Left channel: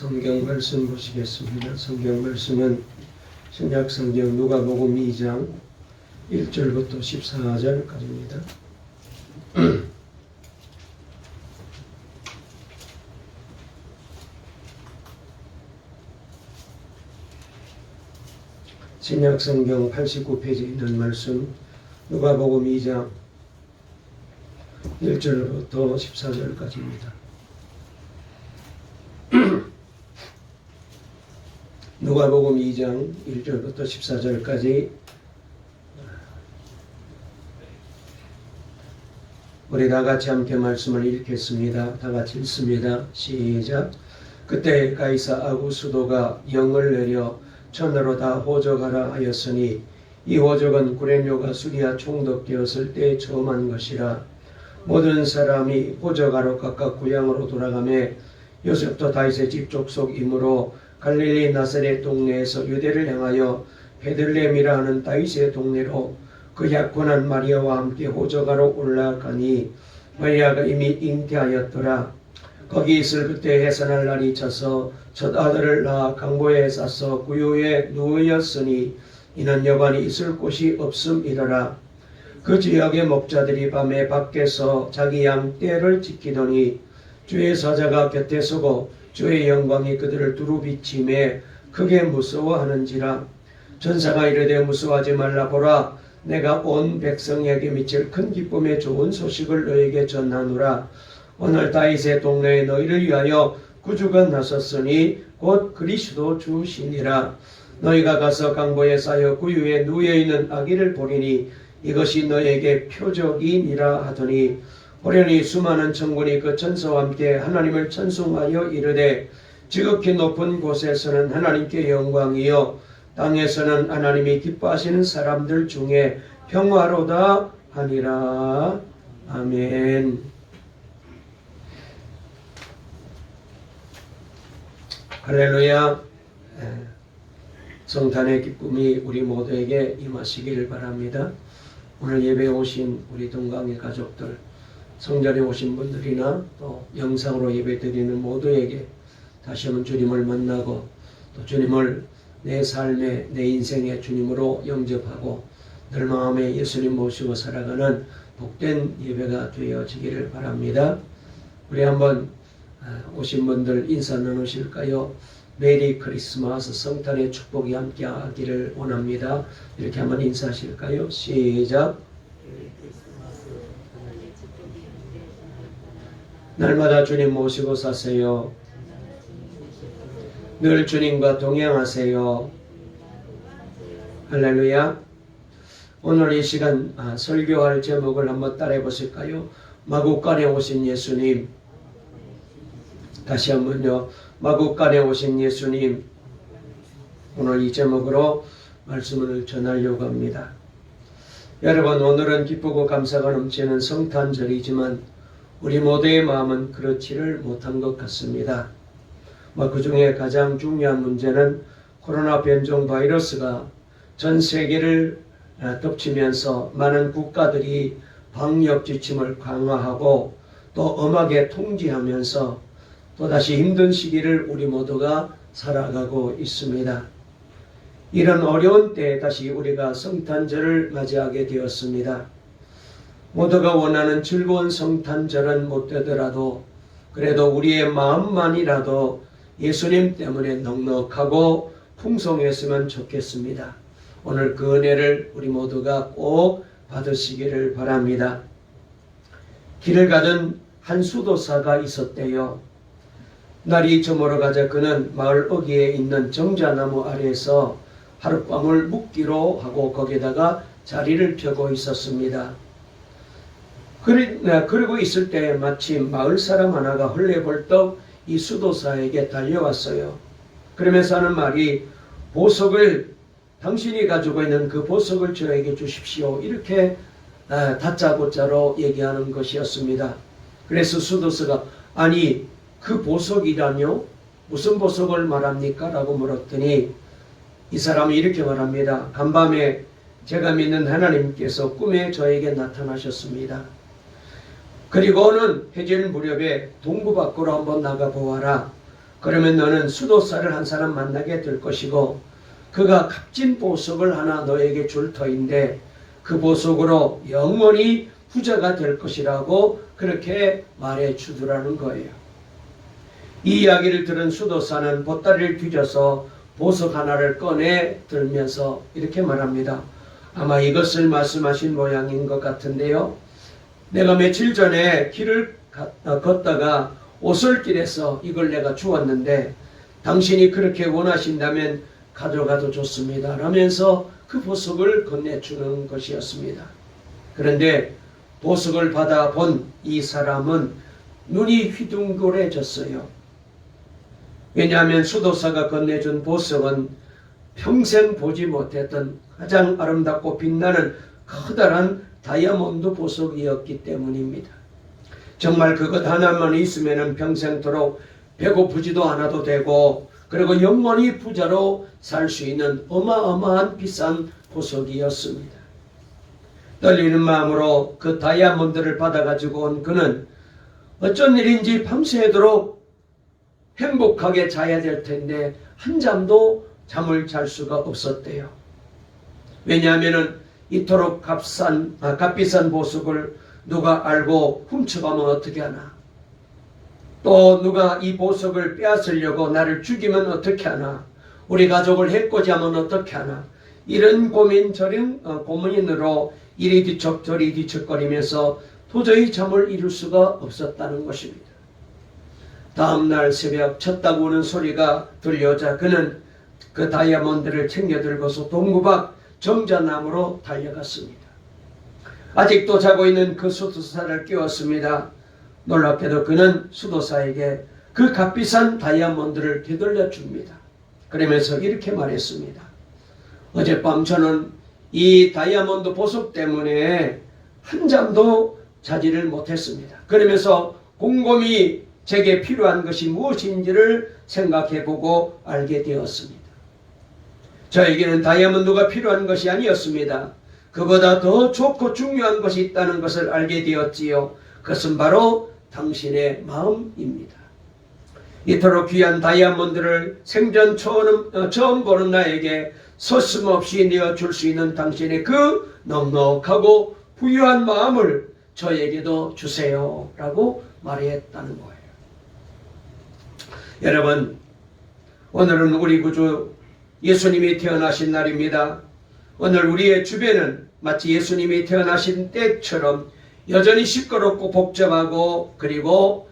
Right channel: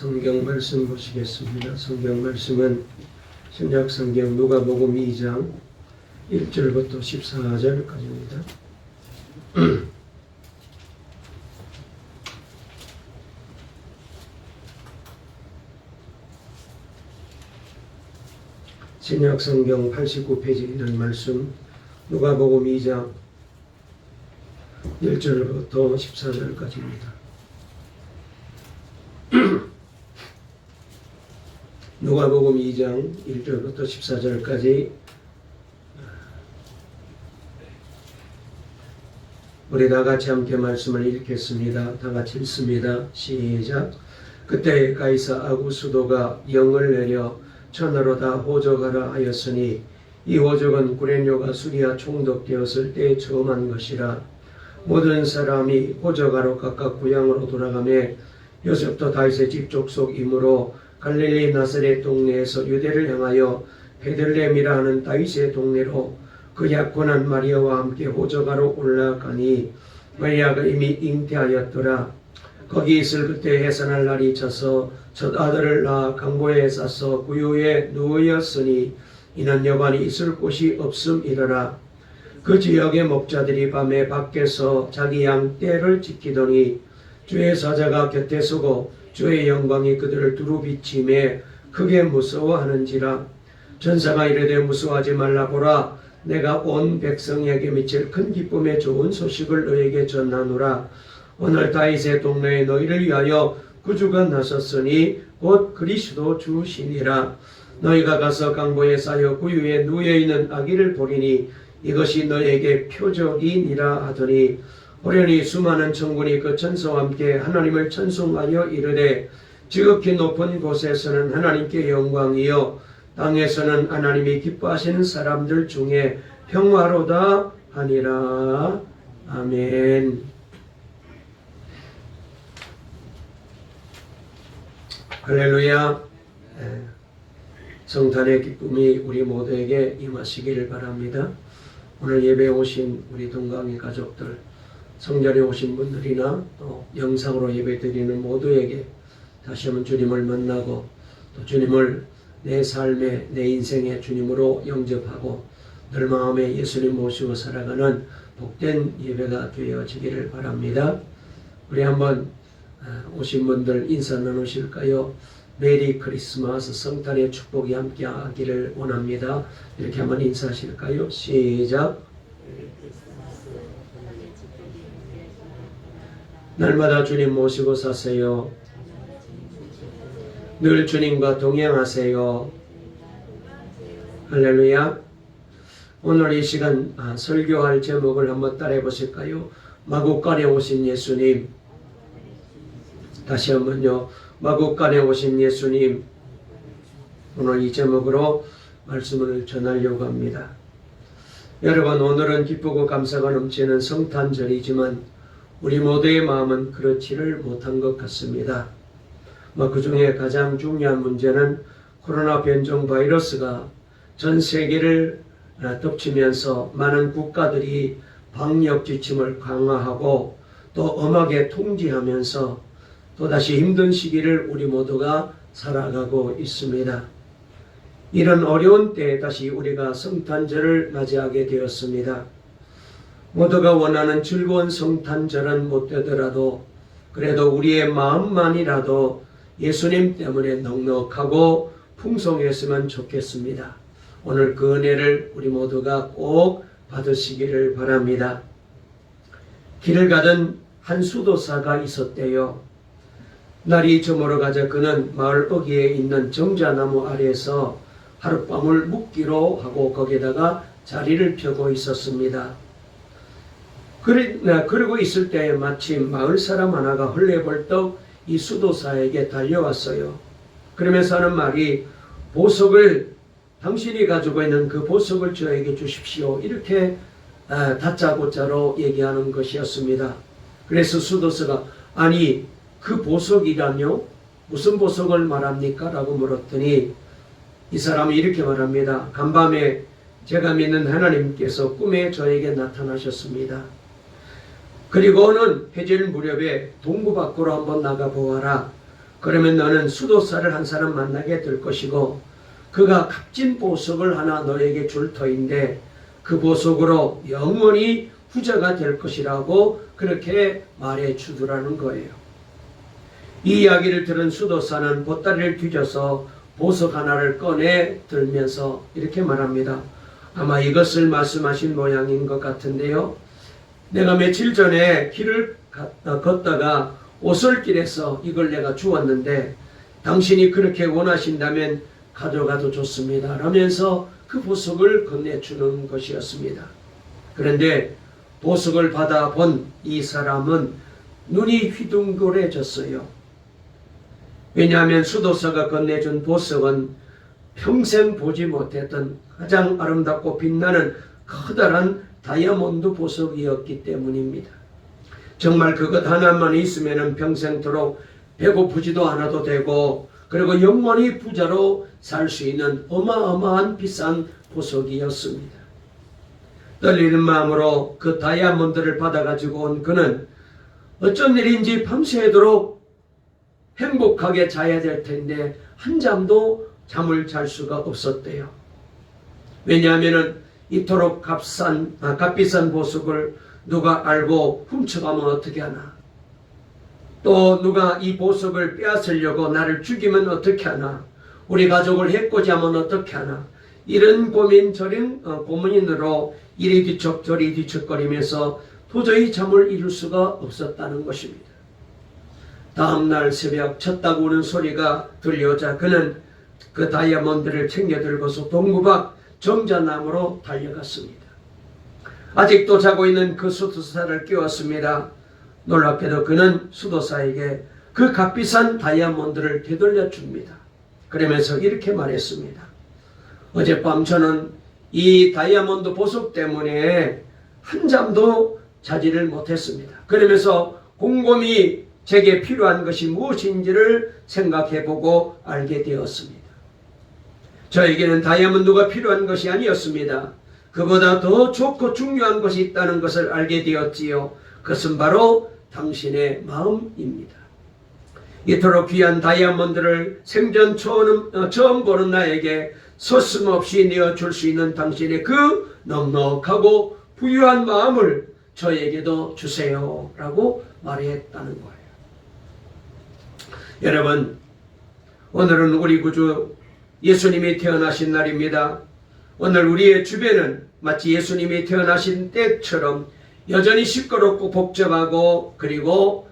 성경 말씀 보시겠습니다. 성경 말씀은 신약성경 누가복음 2장 1절부터 14절까지입니다. 신약성경 89페이지에 있는 말씀 누가복음 2장 1절부터 14절까지입니다. 누가복음 2장 1절부터 14절까지 우리 다같이 함께 말씀을 읽겠습니다. 다같이 읽습니다. 시작. 그때 가이사 아구스도가 영을 내려 천하로 다 호적하라 하였으니 이 호적은 구레뇨가 수리아 총독되었을 때 처음 한 것이라. 모든 사람이 호적하러 각각 고향으로 돌아가매 요셉도 다윗의 집 족속이므로 갈릴리 나사렛 동네에서 유대를 향하여 베들레헴이라 하는 다윗의 동네로 그 약혼한 마리아와 함께 호적하러 올라가니 마리아가 이미 잉태하였더라. 거기 있을 그때 해산할 날이 차서 첫 아들을 낳아 강보에 싸서 구유에 누우였으니 이는 여관이 있을 곳이 없음이러라. 그 지역의 목자들이 밤에 밖에서 자기 양 떼를 지키더니 주의 사자가 곁에 서고 주의 영광이 그들을 두루 비치매 크게 무서워하는지라. 전사가 이르되 무서워하지 말라. 보라, 내가 온 백성에게 미칠 큰 기쁨의 좋은 소식을 너에게 전하노라. 오늘 다윗의 동네에 너희를 위하여 구주가 나섰으니 곧 그리스도 주시니라. 너희가 가서 강보에 쌓여 구유에 누워있는 아기를 보리니 이것이 너에게 표적이니라 하더니 호련히 수많은 천군이 그 천사와 함께 하나님을 찬송하여 이르되 지극히 높은 곳에서는 하나님께 영광이요 땅에서는 하나님이 기뻐하시는 사람들 중에 평화로다 하니라. 아멘. 할렐루야. 성탄의 기쁨이 우리 모두에게 임하시기를 바랍니다. 오늘 예배에 오신 우리 동강의 가족들, 성전에 오신 분들이나 또 영상으로 예배드리는 모두에게 다시 한번 주님을 만나고 또 주님을 내 삶에 내 인생의 주님으로 영접하고 늘 마음에 예수님 모시고 살아가는 복된 예배가 되어지기를 바랍니다. 우리 한번 오신 분들 인사 나누실까요? 메리 크리스마스, 성탄의 축복이 함께 하기를 원합니다. 이렇게 한번 인사하실까요? 시작. 날마다 주님 모시고 사세요. 늘 주님과 동행하세요. 할렐루야. 오늘 이 시간 설교할 제목을 한번 따라해 보실까요? 마구간에 오신 예수님. 다시 한번요. 마구간에 오신 예수님. 오늘 이 제목으로 말씀을 전하려고 합니다. 여러분, 오늘은 기쁘고 감사가 넘치는 성탄절이지만 우리 모두의 마음은 그렇지를 못한 것 같습니다. 그 중에 가장 중요한 문제는 코로나 변종 바이러스가 전 세계를 덮치면서 많은 국가들이 방역 지침을 강화하고 또 엄하게 통제하면서 또다시 힘든 시기를 우리 모두가 살아가고 있습니다. 이런 어려운 때에 다시 우리가 성탄절을 맞이하게 되었습니다. 모두가 원하는 즐거운 성탄절은 못 되더라도 그래도 우리의 마음만이라도 예수님 때문에 넉넉하고 풍성했으면 좋겠습니다. 오늘 그 은혜를 우리 모두가 꼭 받으시기를 바랍니다. 길을 가던 한 수도사가 있었대요. 날이 저물어가자 그는 마을 어귀에 있는 정자나무 아래에서 하룻밤을 묵기로 하고 거기에다가 자리를 펴고 있었습니다. 그러고 있을 때 마침 마을 사람 하나가 헐레벌떡 이 수도사에게 달려왔어요. 그러면서 하는 말이 보석을 당신이 가지고 있는 그 보석을 저에게 주십시오. 이렇게 다짜고짜로 얘기하는 것이었습니다. 그래서 수도사가 아니 그 보석이라뇨? 무슨 보석을 말합니까? 라고 물었더니 이 사람이 이렇게 말합니다. 간밤에 제가 믿는 하나님께서 꿈에 저에게 나타나셨습니다. 그리고는 해질 무렵에 동부 밖으로 한번 나가 보아라. 그러면 너는 수도사를 한 사람 만나게 될 것이고 그가 값진 보석을 하나 너에게 줄 터인데 그 보석으로 영원히 부자가 될 것이라고 그렇게 말해 주더라는 거예요. 이 이야기를 들은 수도사는 보따리를 뒤져서 보석 하나를 꺼내 들면서 이렇게 말합니다. 아마 이것을 말씀하신 모양인 것 같은데요. 내가 며칠 전에 길을 걷다가 오솔길에서 이걸 내가 주었는데 당신이 그렇게 원하신다면 가져가도 좋습니다. 라면서 그 보석을 건네주는 것이었습니다. 그런데 보석을 받아본 이 사람은 눈이 휘둥그레졌어요. 왜냐하면 수도사가 건네준 보석은 평생 보지 못했던 가장 아름답고 빛나는 커다란 다이아몬드 보석이었기 때문입니다. 정말 그것 하나만 있으면 평생토록 배고프지도 않아도 되고 그리고 영원히 부자로 살 수 있는 어마어마한 비싼 보석이었습니다. 떨리는 마음으로 그 다이아몬드를 받아가지고 온 그는 어쩐 일인지 밤새도록 행복하게 자야 될 텐데 한잠도 잠을 잘 수가 없었대요. 왜냐하면 이토록 값비싼 보석을 누가 알고 훔쳐가면 어떻게 하나, 또 누가 이 보석을 빼앗으려고 나를 죽이면 어떻게 하나, 우리 가족을 해코지하면 어떻게 하나, 이런 고민 저런 고민으로 이리 뒤척 저리 뒤척거리면서 도저히 잠을 이룰 수가 없었다는 것입니다. 다음날 새벽 쳤다고 우는 소리가 들려오자 그는 그 다이아몬드를 챙겨 들고서 동구 밖 정자나무로 달려갔습니다. 아직도 자고 있는 그 수도사를 깨웠습니다. 놀랍게도 그는 수도사에게 그 값비싼 다이아몬드를 되돌려 줍니다. 그러면서 이렇게 말했습니다. 어젯밤 저는 이 다이아몬드 보석 때문에 한잠도 자지를 못했습니다. 그러면서 곰곰이 제게 필요한 것이 무엇인지를 생각해보고 알게 되었습니다. 저에게는 다이아몬드가 필요한 것이 아니었습니다. 그보다 더 좋고 중요한 것이 있다는 것을 알게 되었지요. 그것은 바로 당신의 마음입니다. 이토록 귀한 다이아몬드를 생전 처음 보는 나에게 서슴없이 내어줄 수 있는 당신의 그 넉넉하고 부유한 마음을 저에게도 주세요 라고 말했다는 거예요. 여러분, 오늘은 우리 구주 예수님이 태어나신 날입니다. 오늘 우리의 주변은 마치 예수님이 태어나신 때처럼 여전히 시끄럽고 복잡하고 그리고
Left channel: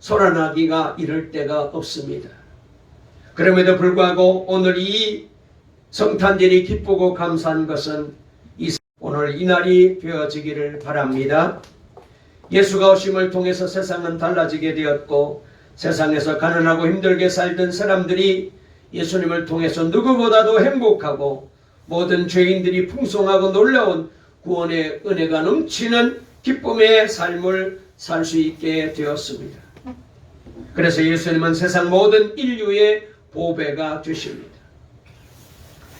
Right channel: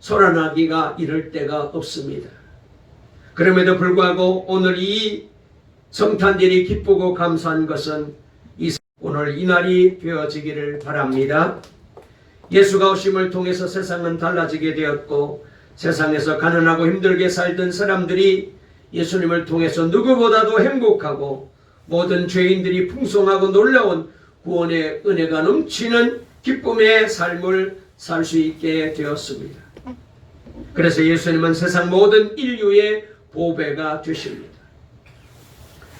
소란하기가 이를 데가 없습니다. 그럼에도 불구하고 오늘 이 성탄절이 기쁘고 감사한 것은 오늘 이 날이 되어지기를 바랍니다. 예수가 오심을 통해서 세상은 달라지게 되었고 세상에서 가난하고 힘들게 살던 사람들이 예수님을 통해서 누구보다도 행복하고 모든 죄인들이 풍성하고 놀라운 구원의 은혜가 넘치는 기쁨의 삶을 살 수 있게 되었습니다. 그래서 예수님은 세상 모든 인류의 보배가 되십니다.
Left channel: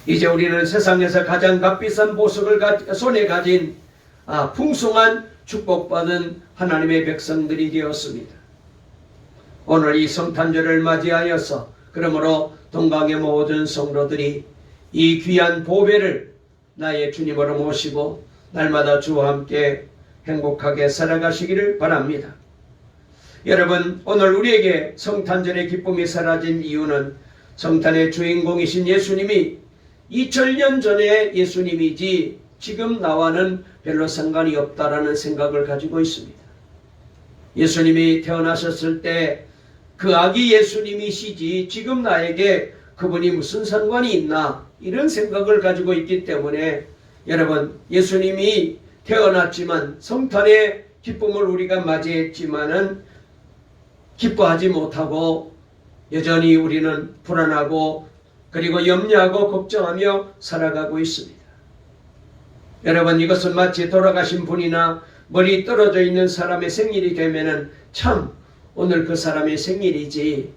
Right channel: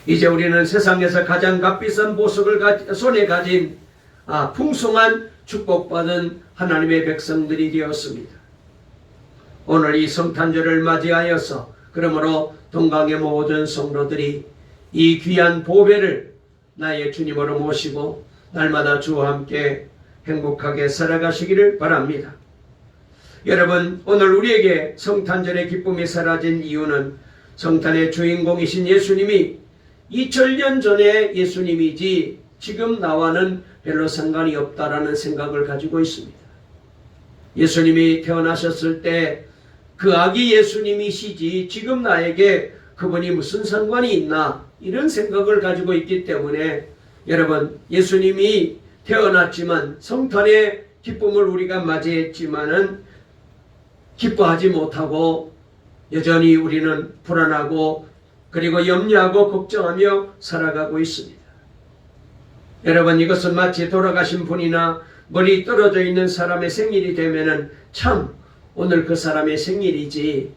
이제 우리는 세상에서 가장 값비싼 보석을 손에 가진 풍성한 축복받은 하나님의 백성들이 되었습니다. 오늘 이 성탄절을 맞이하여서 그러므로 동강의 모든 성도들이 이 귀한 보배를 나의 주님으로 모시고 날마다 주와 함께 행복하게 살아가시기를 바랍니다. 여러분, 오늘 우리에게 성탄절의 기쁨이 사라진 이유는 성탄의 주인공이신 예수님이 2000년 전에 예수님이지 지금 나와는 별로 상관이 없다라는 생각을 가지고 있습니다. 예수님이 태어나셨을 때 그 아기 예수님이시지 지금 나에게 그분이 무슨 상관이 있나 이런 생각을 가지고 있기 때문에 여러분, 예수님이 태어났지만 성탄의 기쁨을 우리가 맞이했지만은 기뻐하지 못하고 여전히 우리는 불안하고 그리고 염려하고 걱정하며 살아가고 있습니다. 여러분, 이것은 마치 돌아가신 분이나 멀리 떨어져 있는 사람의 생일이 되면은 참 오늘 그 사람의 생일이지,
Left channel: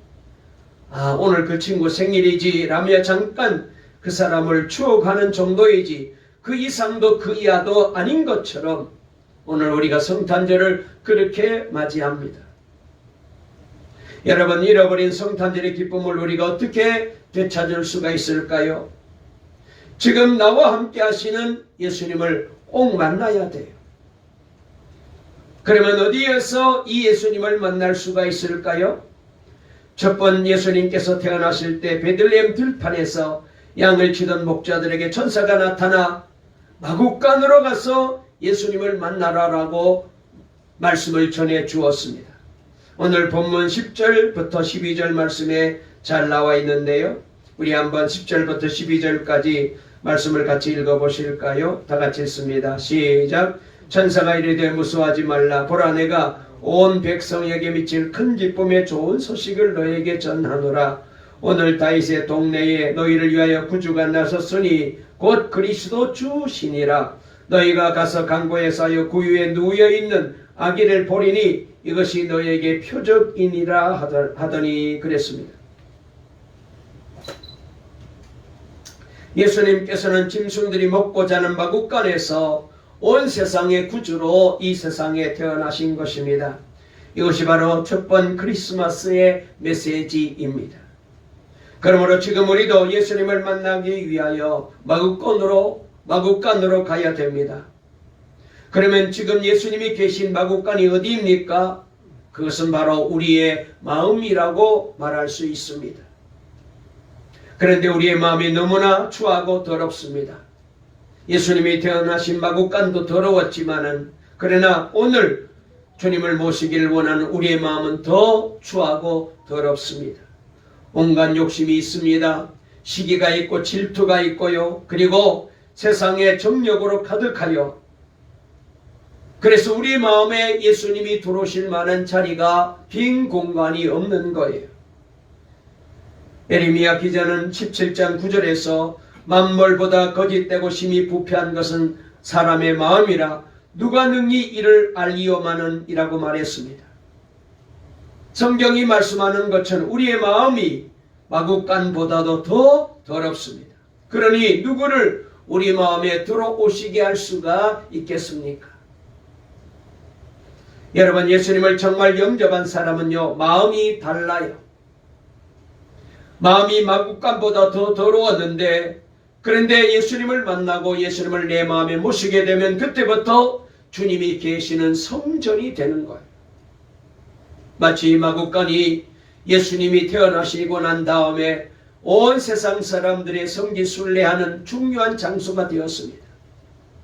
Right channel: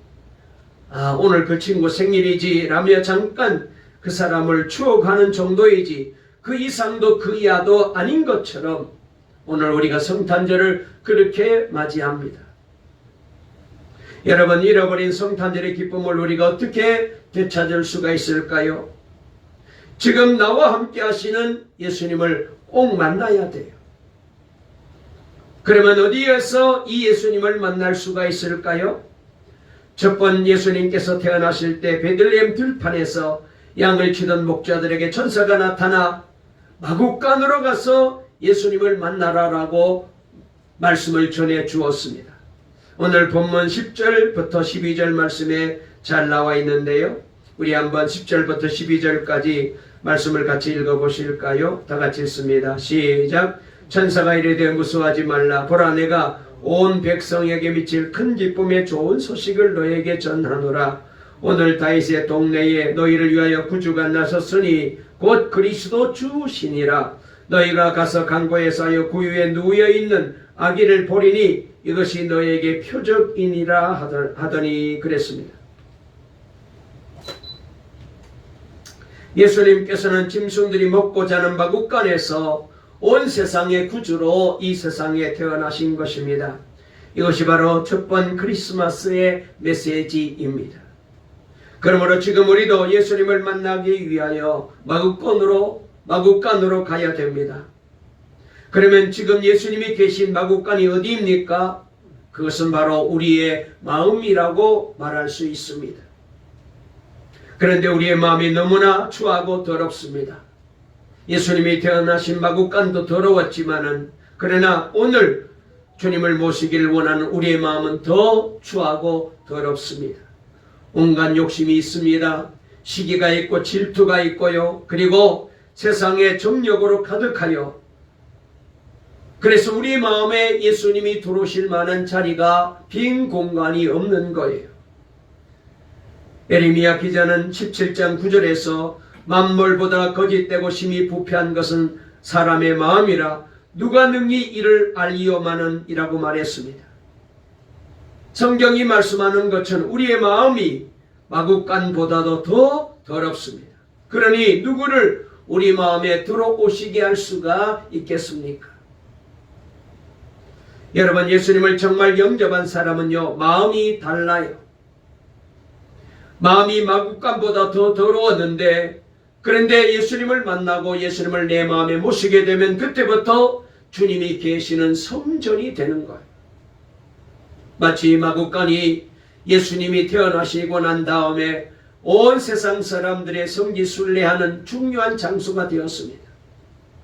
오늘 그 친구 생일이지 라며 잠깐 그 사람을 추억하는 정도이지 그 이상도 그 이하도 아닌 것처럼 오늘 우리가 성탄절을 그렇게 맞이합니다. 여러분, 잃어버린 성탄절의 기쁨을 우리가 어떻게 되찾을 수가 있을까요? 지금 나와 함께 하시는 예수님을 꼭 만나야 돼요. 그러면 어디에서 이 예수님을 만날 수가 있을까요? 첫 번 예수님께서 태어나실 때 베들레헴 들판에서 양을 치던 목자들에게 천사가 나타나 마구간으로 가서 예수님을 만나라라고 말씀을 전해 주었습니다. 오늘 본문 10절부터 12절 말씀에 잘 나와 있는데요. 우리 한번 10절부터 12절까지 말씀을 같이 읽어보실까요? 다 같이 읽습니다. 시작. 천사가 이르되 무서워하지 말라. 보라, 내가 온 백성에게 미칠 큰 기쁨의 좋은 소식을 너에게 전하노라. 오늘 다윗의 동네에 너희를 위하여 구주가 나섰으니 곧 그리스도 주시니라. 너희가 가서 강고에서 하여 구유에 누워있는 아기를 보리니 이것이 너에게 표적이니라 하더니 그랬습니다. 예수님께서는 짐승들이 먹고 자는 마구간에서 온 세상의 구주로 이 세상에 태어나신 것입니다. 이것이 바로 첫 번 크리스마스의 메시지입니다. 그러므로 지금 우리도 예수님을 만나기 위하여 마구간으로 가야 됩니다. 그러면 지금 예수님이 계신 마구간이 어디입니까? 그것은 바로 우리의 마음이라고 말할 수 있습니다. 그런데 우리의 마음이 너무나 추하고 더럽습니다. 예수님이 태어나신 마구간도 더러웠지만은 그러나 오늘 주님을 모시기를 원하는 우리의 마음은 더 추하고 더럽습니다. 온갖 욕심이 있습니다. 시기가 있고 질투가 있고요. 그리고 세상의 정욕으로 가득하여 그래서 우리 마음에 예수님이 들어오실 만한 자리가 빈 공간이 없는 거예요. 예레미야 기자는 17장 9절에서 만물보다 거짓되고 심히 부패한 것은 사람의 마음이라 누가 능히 이를 알리오마는 이라고 말했습니다. 성경이 말씀하는 것처럼 우리의 마음이 마구간보다도 더 더럽습니다. 그러니 누구를 우리 마음에 들어오시게 할 수가 있겠습니까? 여러분, 예수님을 정말 영접한 사람은요, 마음이 달라요. 마음이 마구간보다 더 더러웠는데 그런데 예수님을 만나고 예수님을 내 마음에 모시게 되면 그때부터 주님이 계시는 성전이 되는 거예요. 마치 마구간이 예수님이 태어나시고 난 다음에 온 세상 사람들의 성지순례하는 중요한 장소가 되었습니다.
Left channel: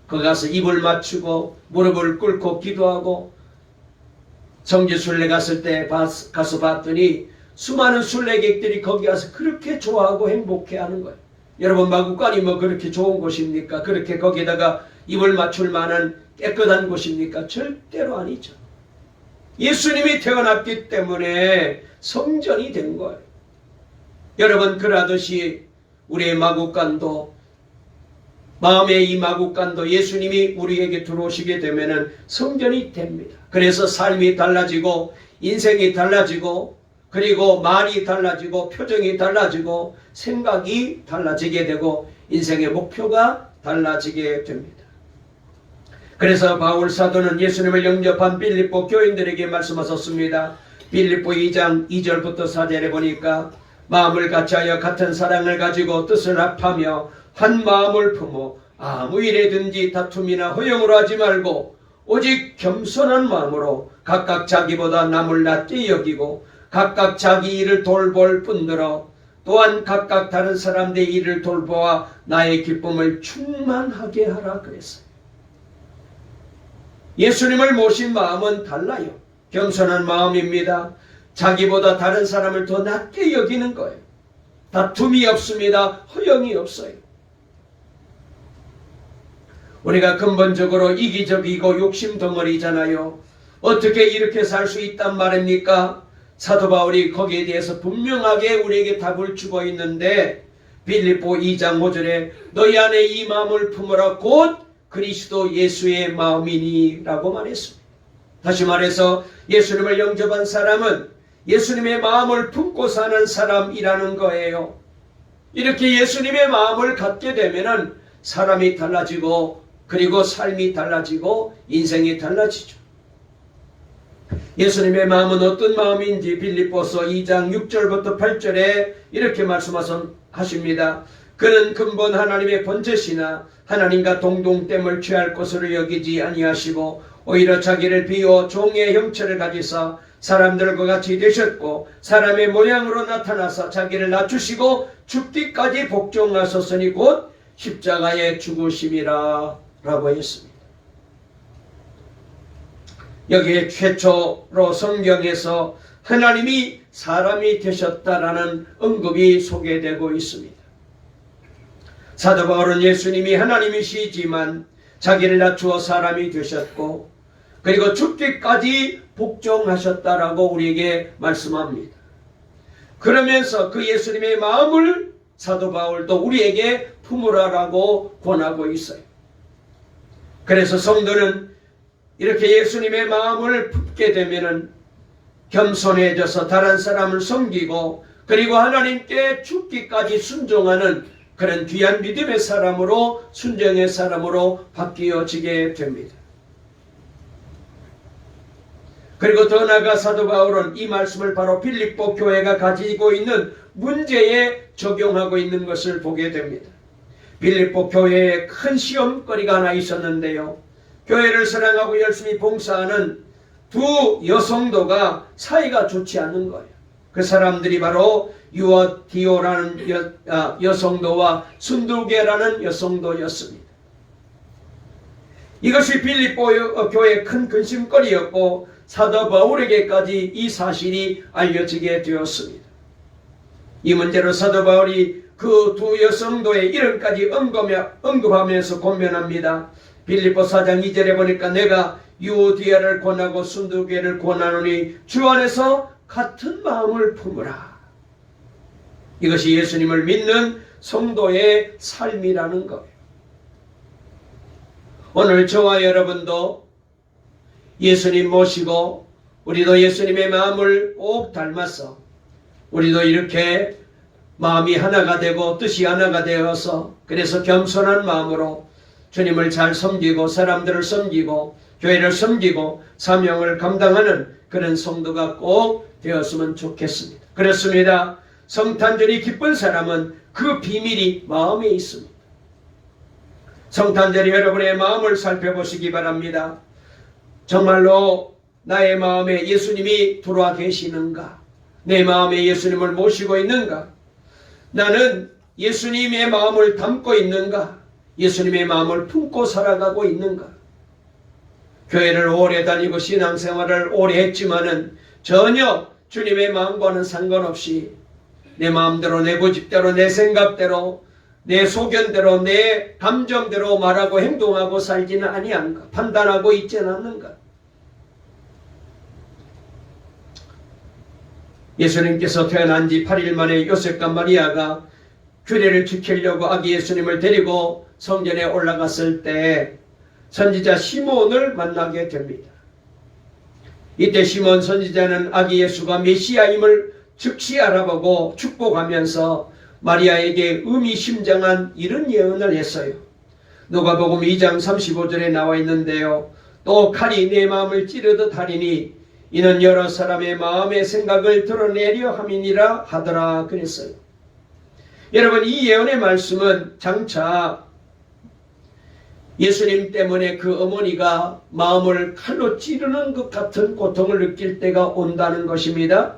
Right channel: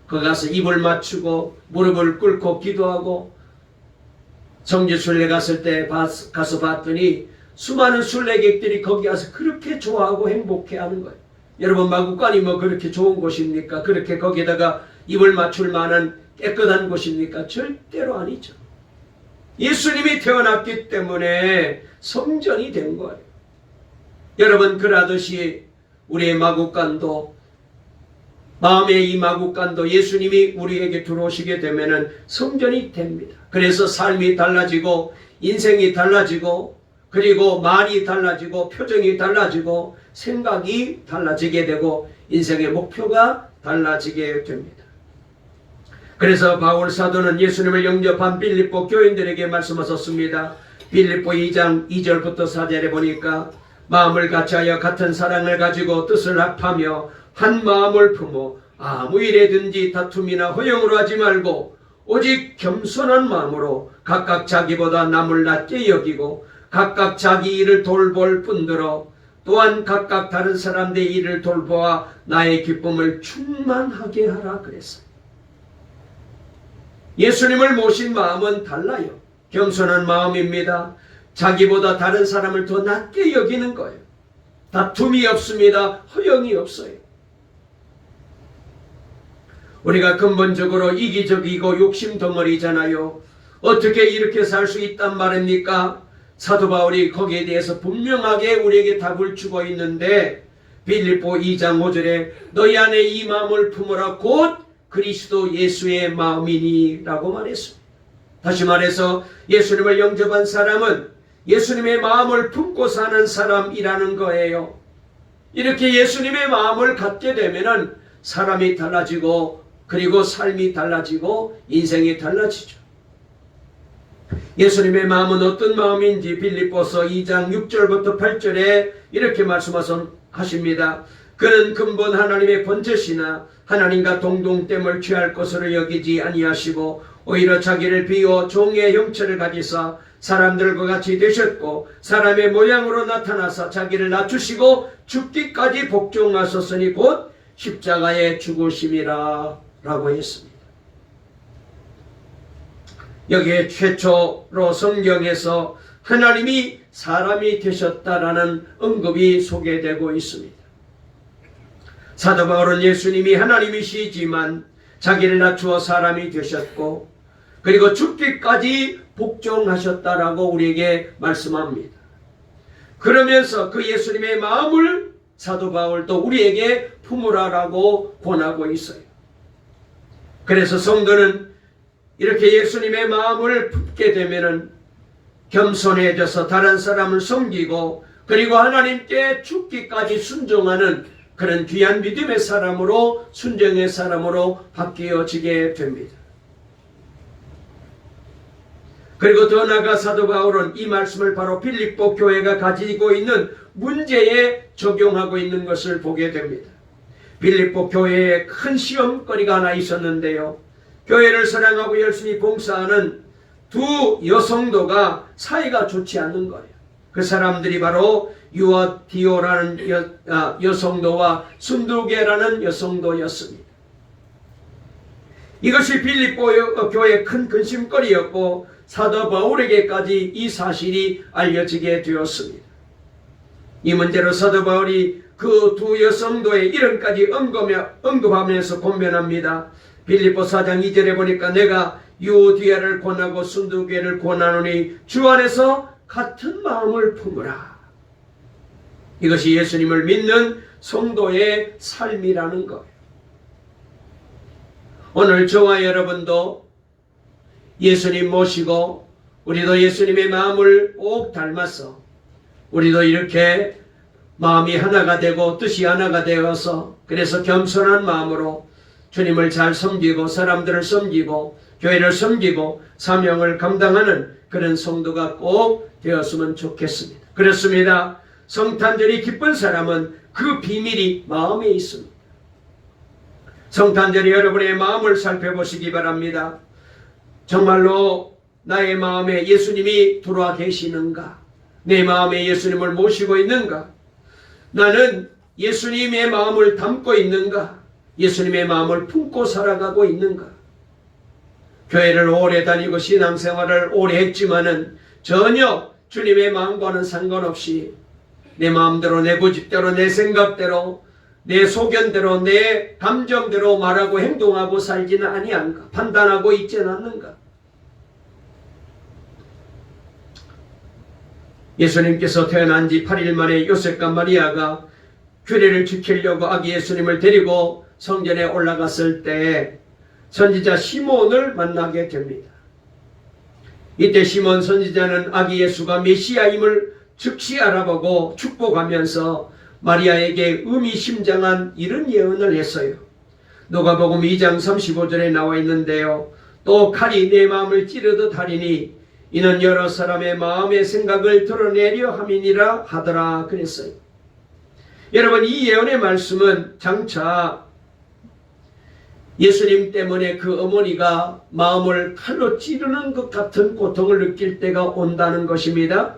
거기 가서 입을 맞추고 무릎을 꿇고 기도하고 성지순례 갔을 때 가서 봤더니 수많은 순례객들이 거기 가서 그렇게 좋아하고 행복해하는 거예요. 여러분, 마구간이 뭐 그렇게 좋은 곳입니까? 그렇게 거기에다가 입을 맞출 만한 깨끗한 곳입니까? 절대로 아니죠. 예수님이 태어났기 때문에 성전이 된 거예요. 여러분, 그러듯이 우리의 마구간도, 마음의 이 마구간도 예수님이 우리에게 들어오시게 되면은 성전이 됩니다. 그래서 삶이 달라지고 인생이 달라지고 그리고 말이 달라지고 표정이 달라지고 생각이 달라지게 되고 인생의 목표가 달라지게 됩니다. 그래서 바울 사도는 예수님을 영접한 빌립보 교인들에게 말씀하셨습니다. 빌립보 2장 2절부터 4절에 보니까 마음을 같이하여 같은 사랑을 가지고 뜻을 합하며 한 마음을 품어 아무 일에든지 다툼이나 허용으로 하지 말고 오직 겸손한 마음으로 각각 자기보다 남을 낮게 여기고 각각 자기 일을 돌볼 뿐더러 또한 각각 다른 사람들의 일을 돌보아 나의 기쁨을 충만하게 하라 그랬어요. 예수님을 모신 마음은 달라요. 겸손한 마음입니다. 자기보다 다른 사람을 더 낮게 여기는 거예요. 다툼이 없습니다. 허용이 없어요. 우리가 근본적으로 이기적이고 욕심덩어리잖아요. 어떻게 이렇게 살 수 있단 말입니까? 사도 바울이 거기에 대해서 분명하게 우리에게 답을 주고 있는데 빌립보 2장 5절에 너희 안에 이 마음을 품으라 곧 그리스도 예수의 마음이니 라고 말했습니다. 다시 말해서 예수님을 영접한 사람은 예수님의 마음을 품고 사는 사람이라는 거예요. 이렇게 예수님의 마음을 갖게 되면 사람이 달라지고 그리고 삶이 달라지고 인생이 달라지죠. 예수님의 마음은 어떤 마음인지 빌립보서 2장 6절부터 8절에 이렇게 말씀하십니다. 그는 근본 하나님의 본체시나 하나님과 동등됨을 취할 것으로 여기지 아니하시고 오히려 자기를 비워 종의 형체를 가지사 사람들과 같이 되셨고 사람의 모양으로 나타나사 자기를 낮추시고 죽기까지 복종하셨으니 곧 십자가에 죽으심이라 라고 했습니다. 여기에 최초로 성경에서 하나님이 사람이 되셨다라는 언급이 소개되고 있습니다. 사도 바울은 예수님이 하나님이시지만 자기를 낮추어 사람이 되셨고 그리고 죽기까지 복종하셨다라고 우리에게 말씀합니다. 그러면서 그 예수님의 마음을 사도 바울도 우리에게 품으라라고 권하고 있어요. 그래서 성도는 이렇게 예수님의 마음을 품게 되면은 겸손해져서 다른 사람을 섬기고 그리고 하나님께 죽기까지 순종하는 그런 귀한 믿음의 사람으로 순종의 사람으로 바뀌어지게 됩니다. 그리고 더 나아가 사도 바울은 이 말씀을 바로 빌립보 교회가 가지고 있는 문제에 적용하고 있는 것을 보게 됩니다. 빌립보 교회에 큰 시험거리가 하나 있었는데요. 교회를 사랑하고 열심히 봉사하는 두 여성도가 사이가 좋지 않는 거예요. 그 사람들이 바로 유어디오라는 여성도와 순두계라는 여성도였습니다. 이것이 빌립보 교회의 큰 근심거리였고 사도 바울에게까지 이 사실이 알려지게 되었습니다. 이 문제로 사도 바울이 그 두 여성도의 이름까지 언급하면서 권면합니다. 빌립보 4장 2절에 보니까 내가 유오디아를 권하고 순두계를 권하노니 주 안에서 같은 마음을 품으라. 이것이 예수님을 믿는 성도의 삶이라는 거예요. 오늘 저와 여러분도 예수님 모시고 우리도 예수님의 마음을 꼭 닮아서 우리도 이렇게 마음이 하나가 되고 뜻이 하나가 되어서 그래서 겸손한 마음으로 주님을 잘 섬기고 사람들을 섬기고 교회를 섬기고 사명을 감당하는 그런 성도가 꼭 되었으면 좋겠습니다. 그렇습니다. 성탄절이 기쁜 사람은 그 비밀이 마음에 있습니다. 성탄절이 여러분의 마음을 살펴보시기 바랍니다. 정말로 나의 마음에 예수님이 들어와 계시는가? 내 마음에 예수님을 모시고 있는가? 나는 예수님의 마음을 담고 있는가? 예수님의 마음을 품고 살아가고 있는가? 교회를 오래 다니고 신앙생활을 오래 했지만은 전혀 주님의 마음과는 상관없이 내 마음대로 내 고집대로 내 생각대로 내 소견대로 내 감정대로 말하고 행동하고 살지는 아니한가? 판단하고 있지는 않는가? 예수님께서 태어난 지 8일 만에 요셉과 마리아가 규례를 지키려고 아기 예수님을 데리고 성전에 올라갔을 때 선지자 시몬을 만나게 됩니다. 이때 시몬 선지자는 아기 예수가 메시아임을 즉시 알아보고 축복하면서 마리아에게 의미심장한 이런 예언을 했어요. 누가복음 2장 35절에 나와 있는데요. 또 칼이 내 마음을 찌르듯 하리니 이는 여러 사람의 마음의 생각을 드러내려 함이니라 하더라 그랬어요. 여러분, 이 예언의 말씀은 장차 예수님 때문에 그 어머니가 마음을 칼로 찌르는 것 같은 고통을 느낄 때가 온다는 것입니다.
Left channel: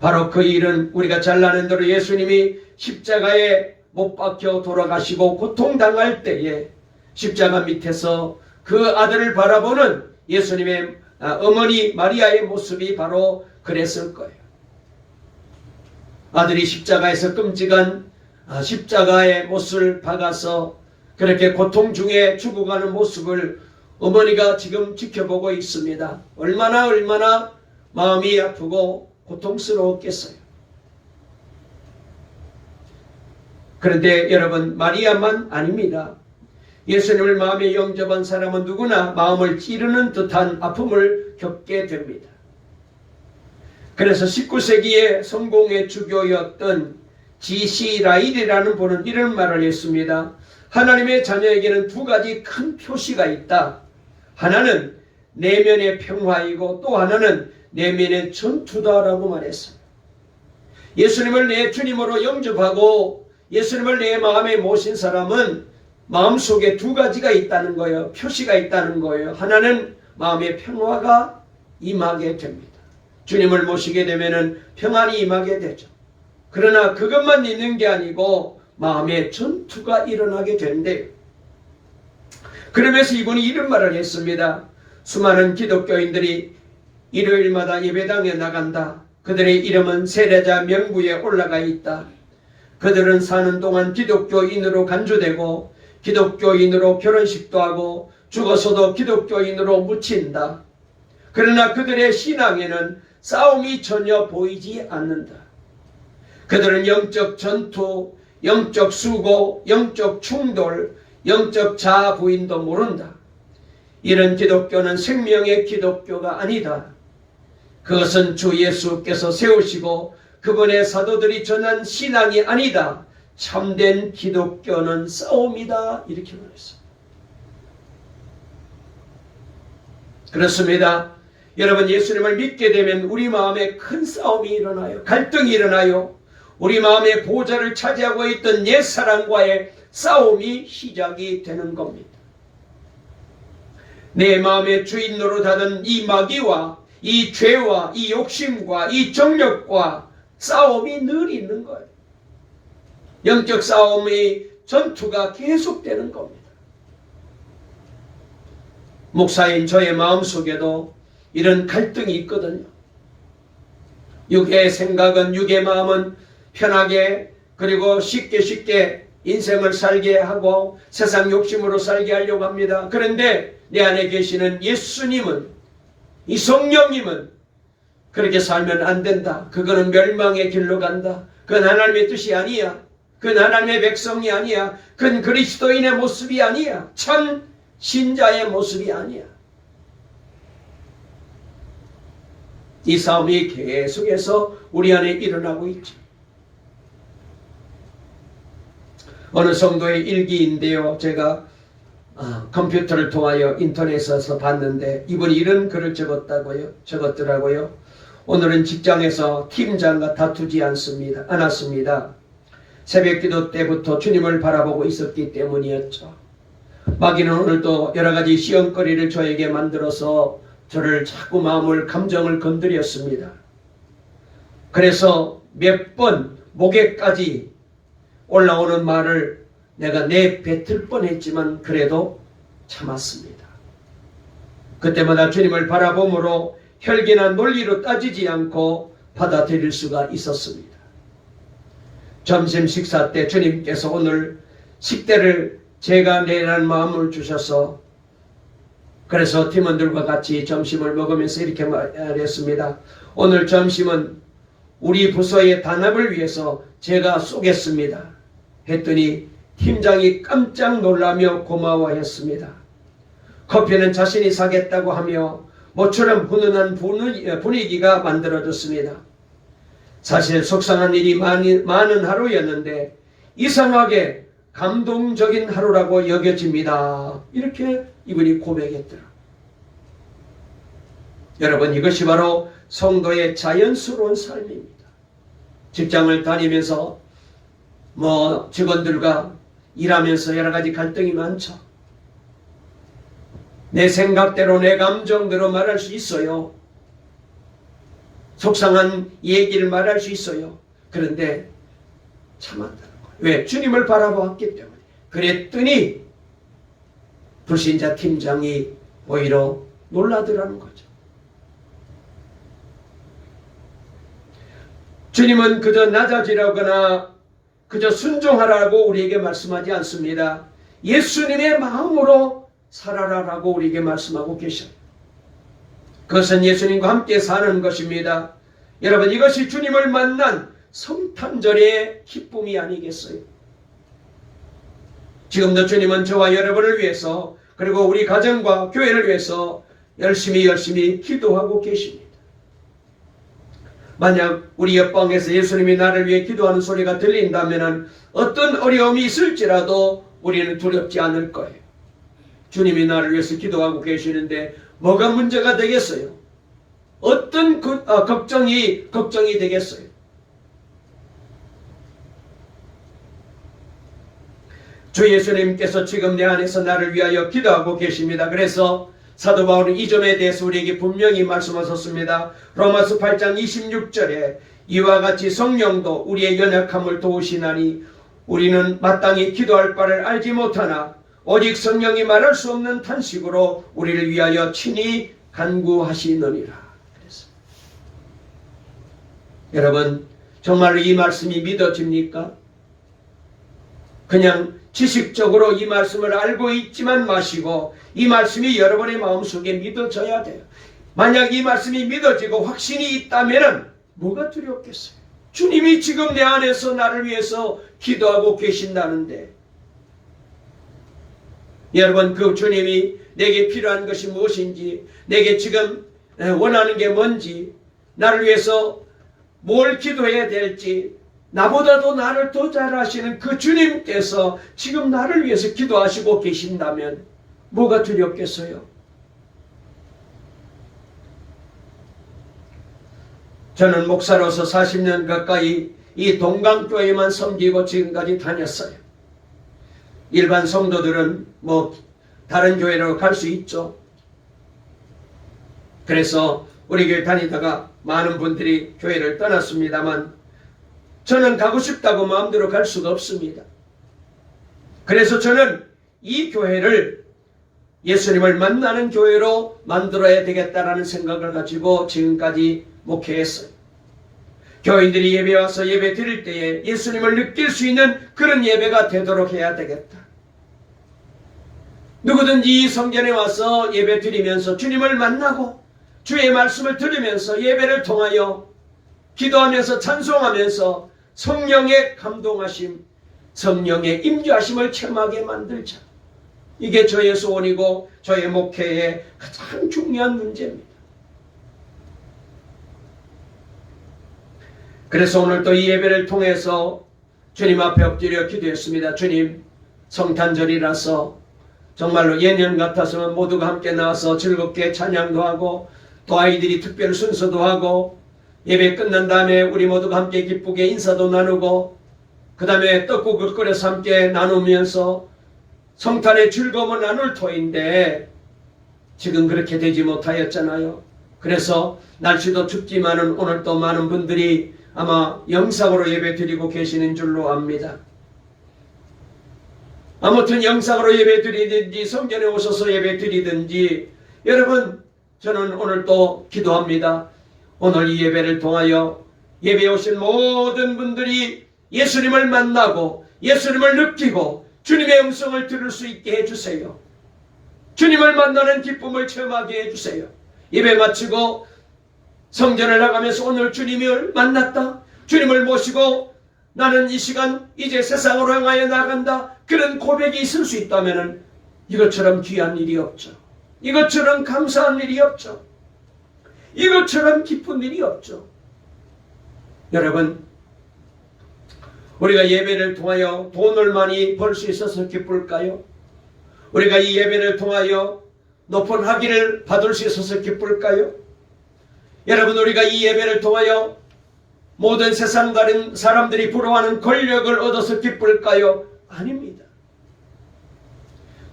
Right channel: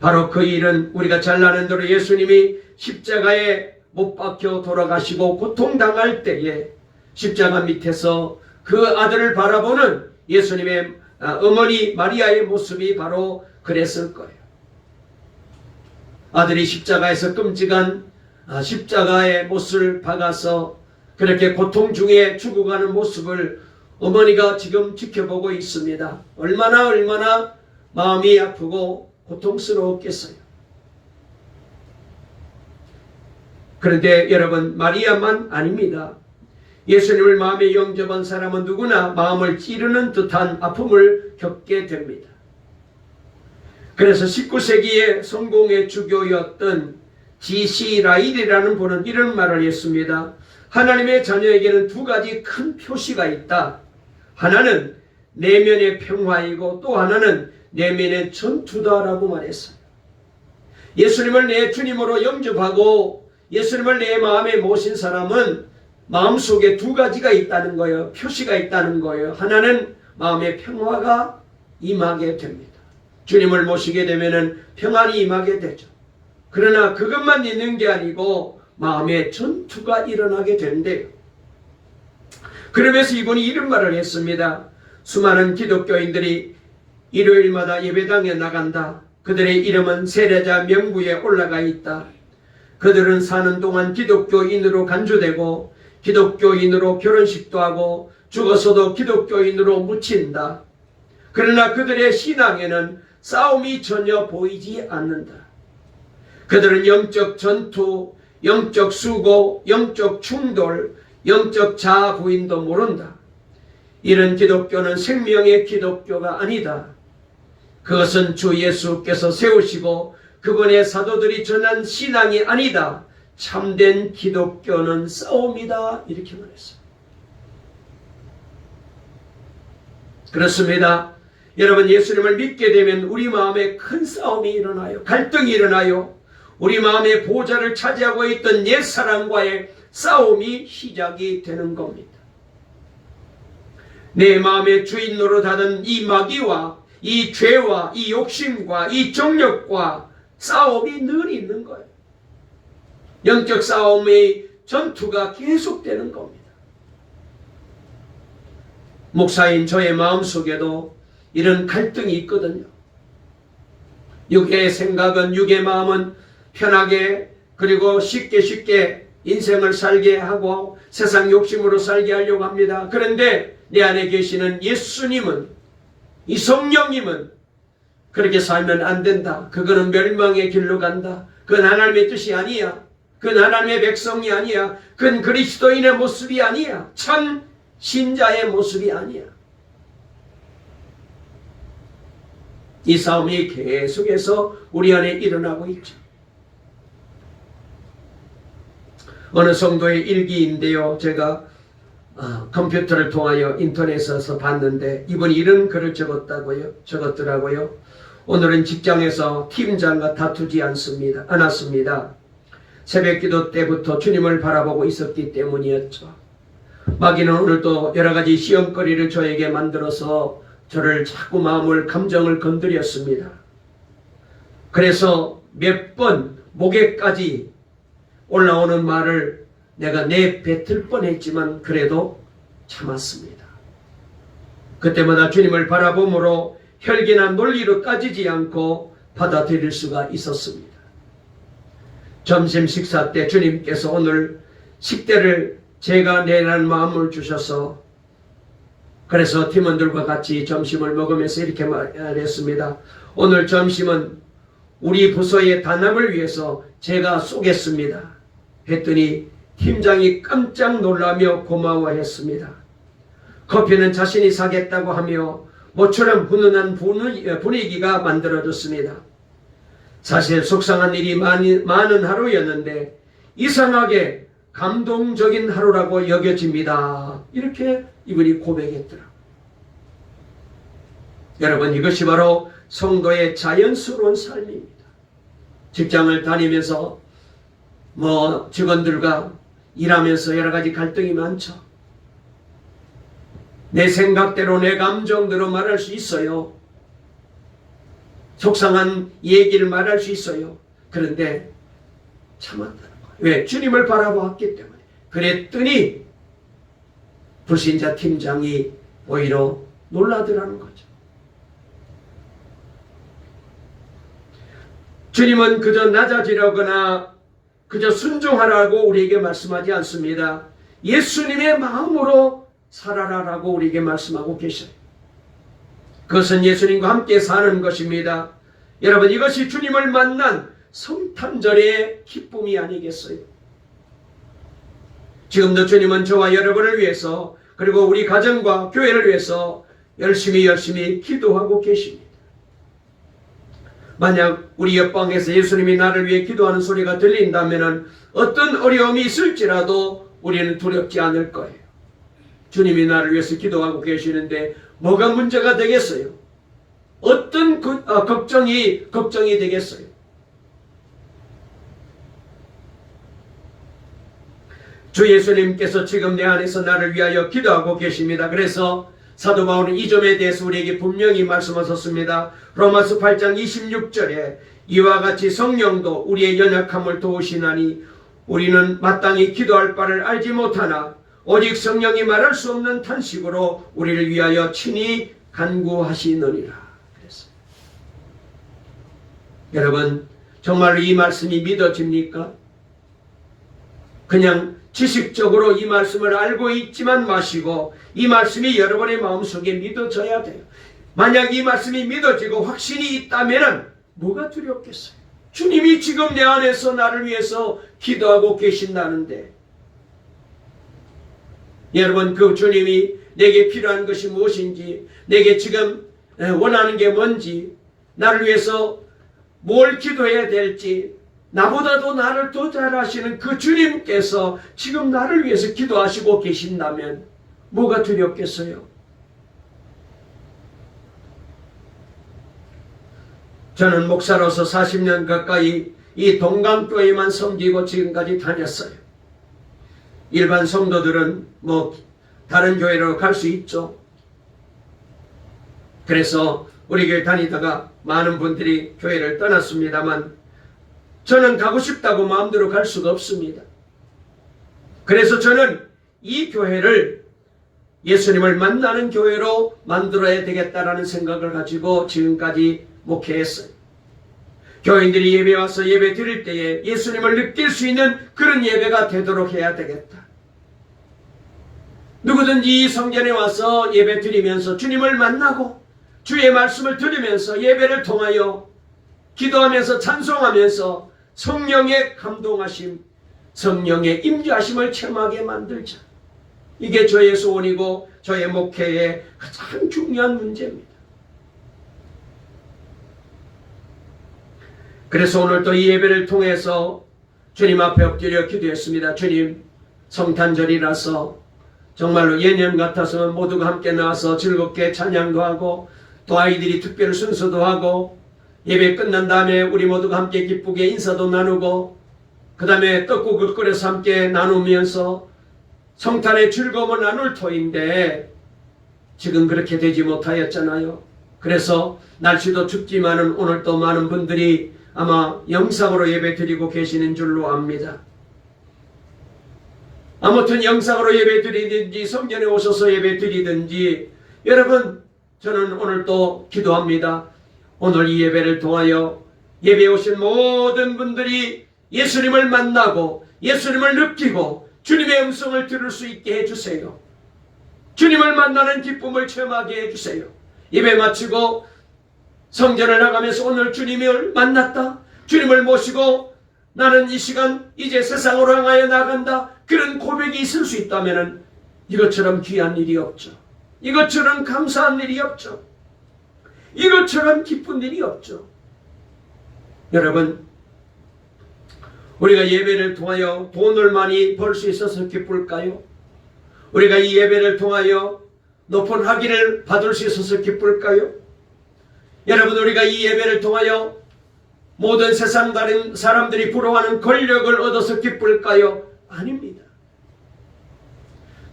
바로 그 일은 우리가 잘 아는 대로 예수님이 십자가에 못 박혀 돌아가시고 고통당할 때에 십자가 밑에서 그 아들을 바라보는 예수님의 어머니 마리아의 모습이 바로 그랬을 거예요. 아들이 십자가에서 끔찍한 십자가의 못을 박아서 그렇게 고통 중에 죽어가는 모습을 어머니가 지금 지켜보고 있습니다. 얼마나 마음이 아프고 고통스러웠겠어요. 그런데 여러분, 마리아만 아닙니다. 예수님을 마음에 영접한 사람은 누구나 마음을 찌르는 듯한 아픔을 겪게 됩니다. 그래서 19세기의 성공의 주교였던 G.C. 라일이라는 분은 이런 말을 했습니다. 하나님의 자녀에게는 두 가지 큰 표시가 있다. 하나는 내면의 평화이고 또 하나는 내면의 전투다라고 말했어요. 예수님을 내 주님으로 영접하고 예수님을 내 마음에 모신 사람은 마음속에 두 가지가 있다는 거예요. 표시가 있다는 거예요. 하나는 마음의 평화가 임하게 됩니다. 주님을 모시게 되면 평안이 임하게 되죠. 그러나 그것만 있는 게 아니고 마음의 전투가 일어나게 된대요. 그러면서 이분이 이런 말을 했습니다. 수많은 기독교인들이 일요일마다 예배당에 나간다. 그들의 이름은 세례자 명부에 올라가 있다. 그들은 사는 동안 기독교인으로 간주되고 기독교인으로 결혼식도 하고 죽어서도 기독교인으로 묻힌다. 그러나 그들의 신앙에는 싸움이 전혀 보이지 않는다. 그들은 영적 전투, 영적 수고, 영적 충돌, 영적 자아 부인도 모른다. 이런 기독교는 생명의 기독교가 아니다. 그것은 주 예수께서 세우시고 그분의 사도들이 전한 신앙이 아니다. 참된 기독교는 싸움이다. 이렇게 말했어요. 그렇습니다. 여러분, 예수님을 믿게 되면 우리 마음에 큰 싸움이 일어나요. 갈등이 일어나요. 우리 마음의 보좌를 차지하고 있던 옛사람과의 싸움이 시작이 되는 겁니다. 내 마음의 주인 노릇하던 이 마귀와 이 죄와 이 욕심과 이 정욕과 싸움이 늘 있는 거예요. 영적 싸움의 전투가 계속되는 겁니다. 목사인 저의 마음속에도 이런 갈등이 있거든요. 육의 생각은, 육의 마음은 편하게 그리고 쉽게 인생을 살게 하고 세상 욕심으로 살게 하려고 합니다. 그런데 내 안에 계시는 예수님은, 이 성령님은 그렇게 살면 안 된다. 그거는 멸망의 길로 간다. 그건 하나님의 뜻이 아니야. 그건 하나님의 백성이 아니야. 그건 그리스도인의 모습이 아니야. 참 신자의 모습이 아니야. 이 싸움이 계속해서 우리 안에 일어나고 있죠. 어느 성도의 일기인데요. 제가 컴퓨터를 통하여 인터넷에서 봤는데 이분이 이런 글을 적었더라고요. 오늘은 직장에서 팀장과 다투지 않았습니다. 새벽기도 때부터 주님을 바라보고 있었기 때문이었죠. 마귀는 오늘도 여러 가지 시험거리를 저에게 만들어서 저를 자꾸 감정을 건드렸습니다. 그래서 몇 번 목에까지 올라오는 말을 내가 내뱉을 뻔했지만 그래도 참았습니다. 그때마다 주님을 바라봄으로 혈기나 논리로 따지지 않고 받아들일 수가 있었습니다. 점심 식사 때 주님께서 오늘 식대를 제가 내라는 마음을 주셔서 그래서 팀원들과 같이 점심을 먹으면서 이렇게 말했습니다. 오늘 점심은 우리 부서의 단합을 위해서 제가 쏘겠습니다. 했더니 팀장이 깜짝 놀라며 고마워했습니다. 커피는 자신이 사겠다고 하며 모처럼 훈훈한 분위기가 만들어졌습니다. 사실 속상한 일이 많은 하루였는데 이상하게 감동적인 하루라고 여겨집니다. 이렇게 이분이 고백했더라. 여러분, 이것이 바로 성도의 자연스러운 삶입니다. 직장을 다니면서 직원들과 일하면서 여러 가지 갈등이 많죠. 내 생각대로 내 감정대로 말할 수 있어요. 속상한 얘기를 말할 수 있어요. 그런데 참았다는 거예요. 왜? 주님을 바라보았기 때문에. 그랬더니 불신자 팀장이 오히려 놀라더라는 거죠. 주님은 그저 낮아지라거나 그저 순종하라고 우리에게 말씀하지 않습니다. 예수님의 마음으로 살아라라고 우리에게 말씀하고 계셔요. 그것은 예수님과 함께 사는 것입니다. 여러분, 이것이 주님을 만난 성탄절의 기쁨이 아니겠어요? 지금도 주님은 저와 여러분을 위해서 그리고 우리 가정과 교회를 위해서 열심히 기도하고 계십니다. 만약 우리 옆방에서 예수님이 나를 위해 기도하는 소리가 들린다면 어떤 어려움이 있을지라도 우리는 두렵지 않을 거예요. 주님이 나를 위해서 기도하고 계시는데 뭐가 문제가 되겠어요? 어떤 걱정이 되겠어요? 주 예수님께서 지금 내 안에서 나를 위하여 기도하고 계십니다. 그래서 사도 바울은 이 점에 대해서 우리에게 분명히 말씀하셨습니다. 로마서 8장 26절에 이와 같이 성령도 우리의 연약함을 도우시나니 우리는 마땅히 기도할 바를 알지 못하나 오직 성령이 말할 수 없는 탄식으로 우리를 위하여 친히 간구하시느니라. 그래서 여러분, 정말로 이 말씀이 믿어집니까? 그냥 지식적으로 이 말씀을 알고 있지만 마시고 이 말씀이 여러분의 마음속에 믿어져야 돼요. 만약 이 말씀이 믿어지고 확신이 있다면 뭐가 두렵겠어요? 주님이 지금 내 안에서 나를 위해서 기도하고 계신다는데, 여러분, 그 주님이 내게 필요한 것이 무엇인지, 내게 지금 원하는 게 뭔지, 나를 위해서 뭘 기도해야 될지, 나보다도 나를 더 잘 아시는 그 주님께서 지금 나를 위해서 기도하시고 계신다면 뭐가 두렵겠어요? 저는 목사로서 40년 가까이 이 동강교회만 섬기고 지금까지 다녔어요. 일반 성도들은 다른 교회로 갈 수 있죠. 그래서 우리 교회 다니다가 많은 분들이 교회를 떠났습니다만 저는 가고 싶다고 마음대로 갈 수가 없습니다. 그래서 저는 이 교회를 예수님을 만나는 교회로 만들어야 되겠다라는 생각을 가지고 지금까지 목회했어요. 교인들이 예배 와서 예배 드릴 때에 예수님을 느낄 수 있는 그런 예배가 되도록 해야 되겠다. 누구든지 성전에 와서 예배 드리면서 주님을 만나고 주의 말씀을 들으면서 예배를 통하여 기도하면서 찬송하면서 성령의 감동하심, 성령의 임재하심을 체험하게 만들자. 이게 저의 소원이고 저의 목회의 가장 중요한 문제입니다. 그래서 오늘 또 이 예배를 통해서 주님 앞에 엎드려 기도했습니다. 주님, 성탄절이라서 정말로 예년 같아서는 모두가 함께 나와서 즐겁게 찬양도 하고 또 아이들이 특별 순서도 하고 예배 끝난 다음에 우리 모두가 함께 기쁘게 인사도 나누고 그 다음에 떡국을 끓여서 함께 나누면서 성탄의 즐거움을 나눌 터인데 지금 그렇게 되지 못하였잖아요. 그래서 날씨도 춥지만은 오늘 또 많은 분들이 아마 영상으로 예배 드리고 계시는 줄로 압니다. 아무튼 영상으로 예배 드리든지 성전에 오셔서 예배 드리든지 여러분, 저는 오늘 또 기도합니다. 오늘 이 예배를 통하여 예배에 오신 모든 분들이 예수님을 만나고 예수님을 느끼고 주님의 음성을 들을 수 있게 해주세요. 주님을 만나는 기쁨을 체험하게 해주세요. 예배 마치고 성전을 나가면서 오늘 주님을 만났다, 주님을 모시고 나는 이 시간 이제 세상으로 향하여 나간다, 그런 고백이 있을 수 있다면 이것처럼 귀한 일이 없죠. 이것처럼 감사한 일이 없죠. 이것처럼 기쁜 일이 없죠. 여러분, 우리가 예배를 통하여 돈을 많이 벌 수 있어서 기쁠까요? 우리가 이 예배를 통하여 높은 학위를 받을 수 있어서 기쁠까요? 여러분, 우리가 이 예배를 통하여 모든 세상 다른 사람들이 부러워하는 권력을 얻어서 기쁠까요? 아닙니다.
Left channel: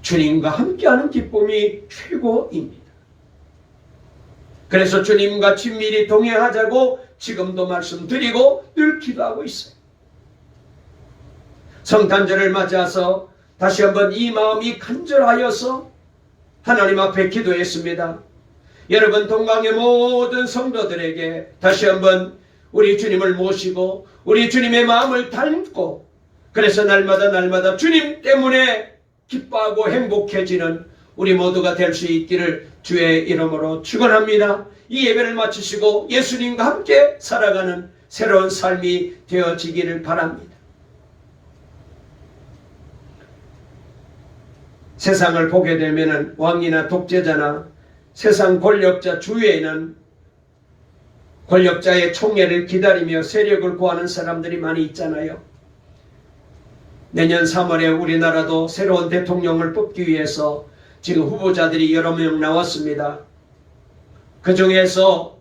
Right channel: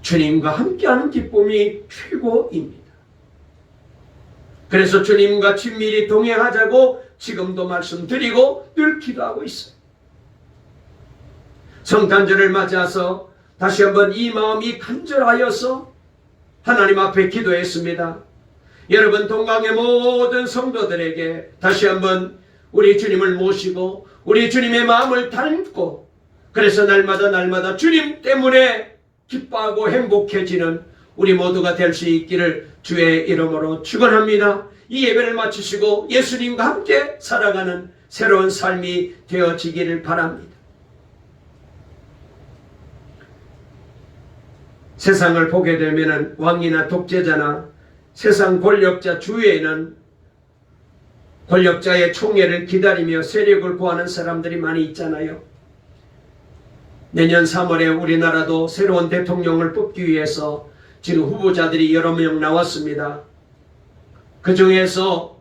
주님과 함께하는 기쁨이 최고입니다. 그래서 주님과 친밀히 동행하자고 지금도 말씀드리고 늘 기도하고 있어요. 성탄절을 맞이해서 다시 한번 이 마음이 간절하여서 하나님 앞에 기도했습니다. 여러분, 동강의 모든 성도들에게 다시 한번 우리 주님을 모시고 우리 주님의 마음을 닮고 그래서 날마다 주님 때문에 기뻐하고 행복해지는 우리 모두가 될 수 있기를 주의 이름으로 축원합니다. 이 예배를 마치시고 예수님과 함께 살아가는 새로운 삶이 되어지기를 바랍니다. 세상을 보게 되면 왕이나 독재자나 세상 권력자 주위에는 권력자의 총애를 기다리며 세력을 구하는 사람들이 많이 있잖아요. 내년 3월에 우리나라도 새로운 대통령을 뽑기 위해서 지금 후보자들이 여러 명 나왔습니다. 그 중에서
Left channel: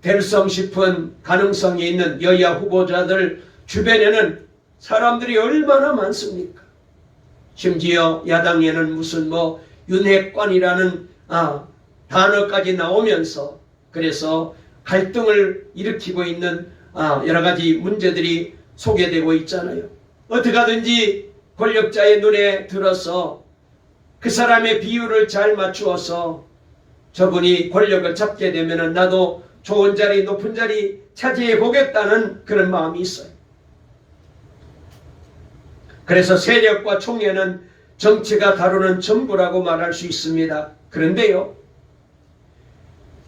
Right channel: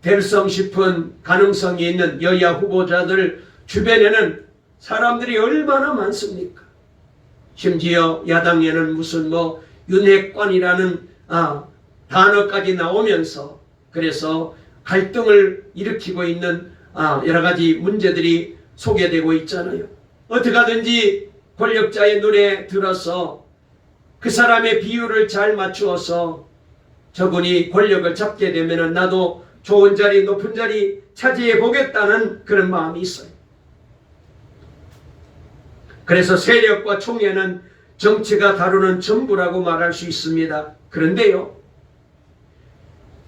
될성 싶은 가능성이 있는 여야 후보자들 주변에는 사람들이 얼마나 많습니까? 심지어 야당에는 무슨 윤핵관이라는 단어까지 나오면서 그래서 갈등을 일으키고 있는 여러 가지 문제들이 소개되고 있잖아요. 어떻게 하든지 권력자의 눈에 들어서 그 사람의 비율을 잘 맞추어서 저분이 권력을 잡게 되면 나도 좋은 자리, 높은 자리 차지해 보겠다는 그런 마음이 있어요. 그래서 세력과 총회는 정치가 다루는 전부라고 말할 수 있습니다. 그런데요,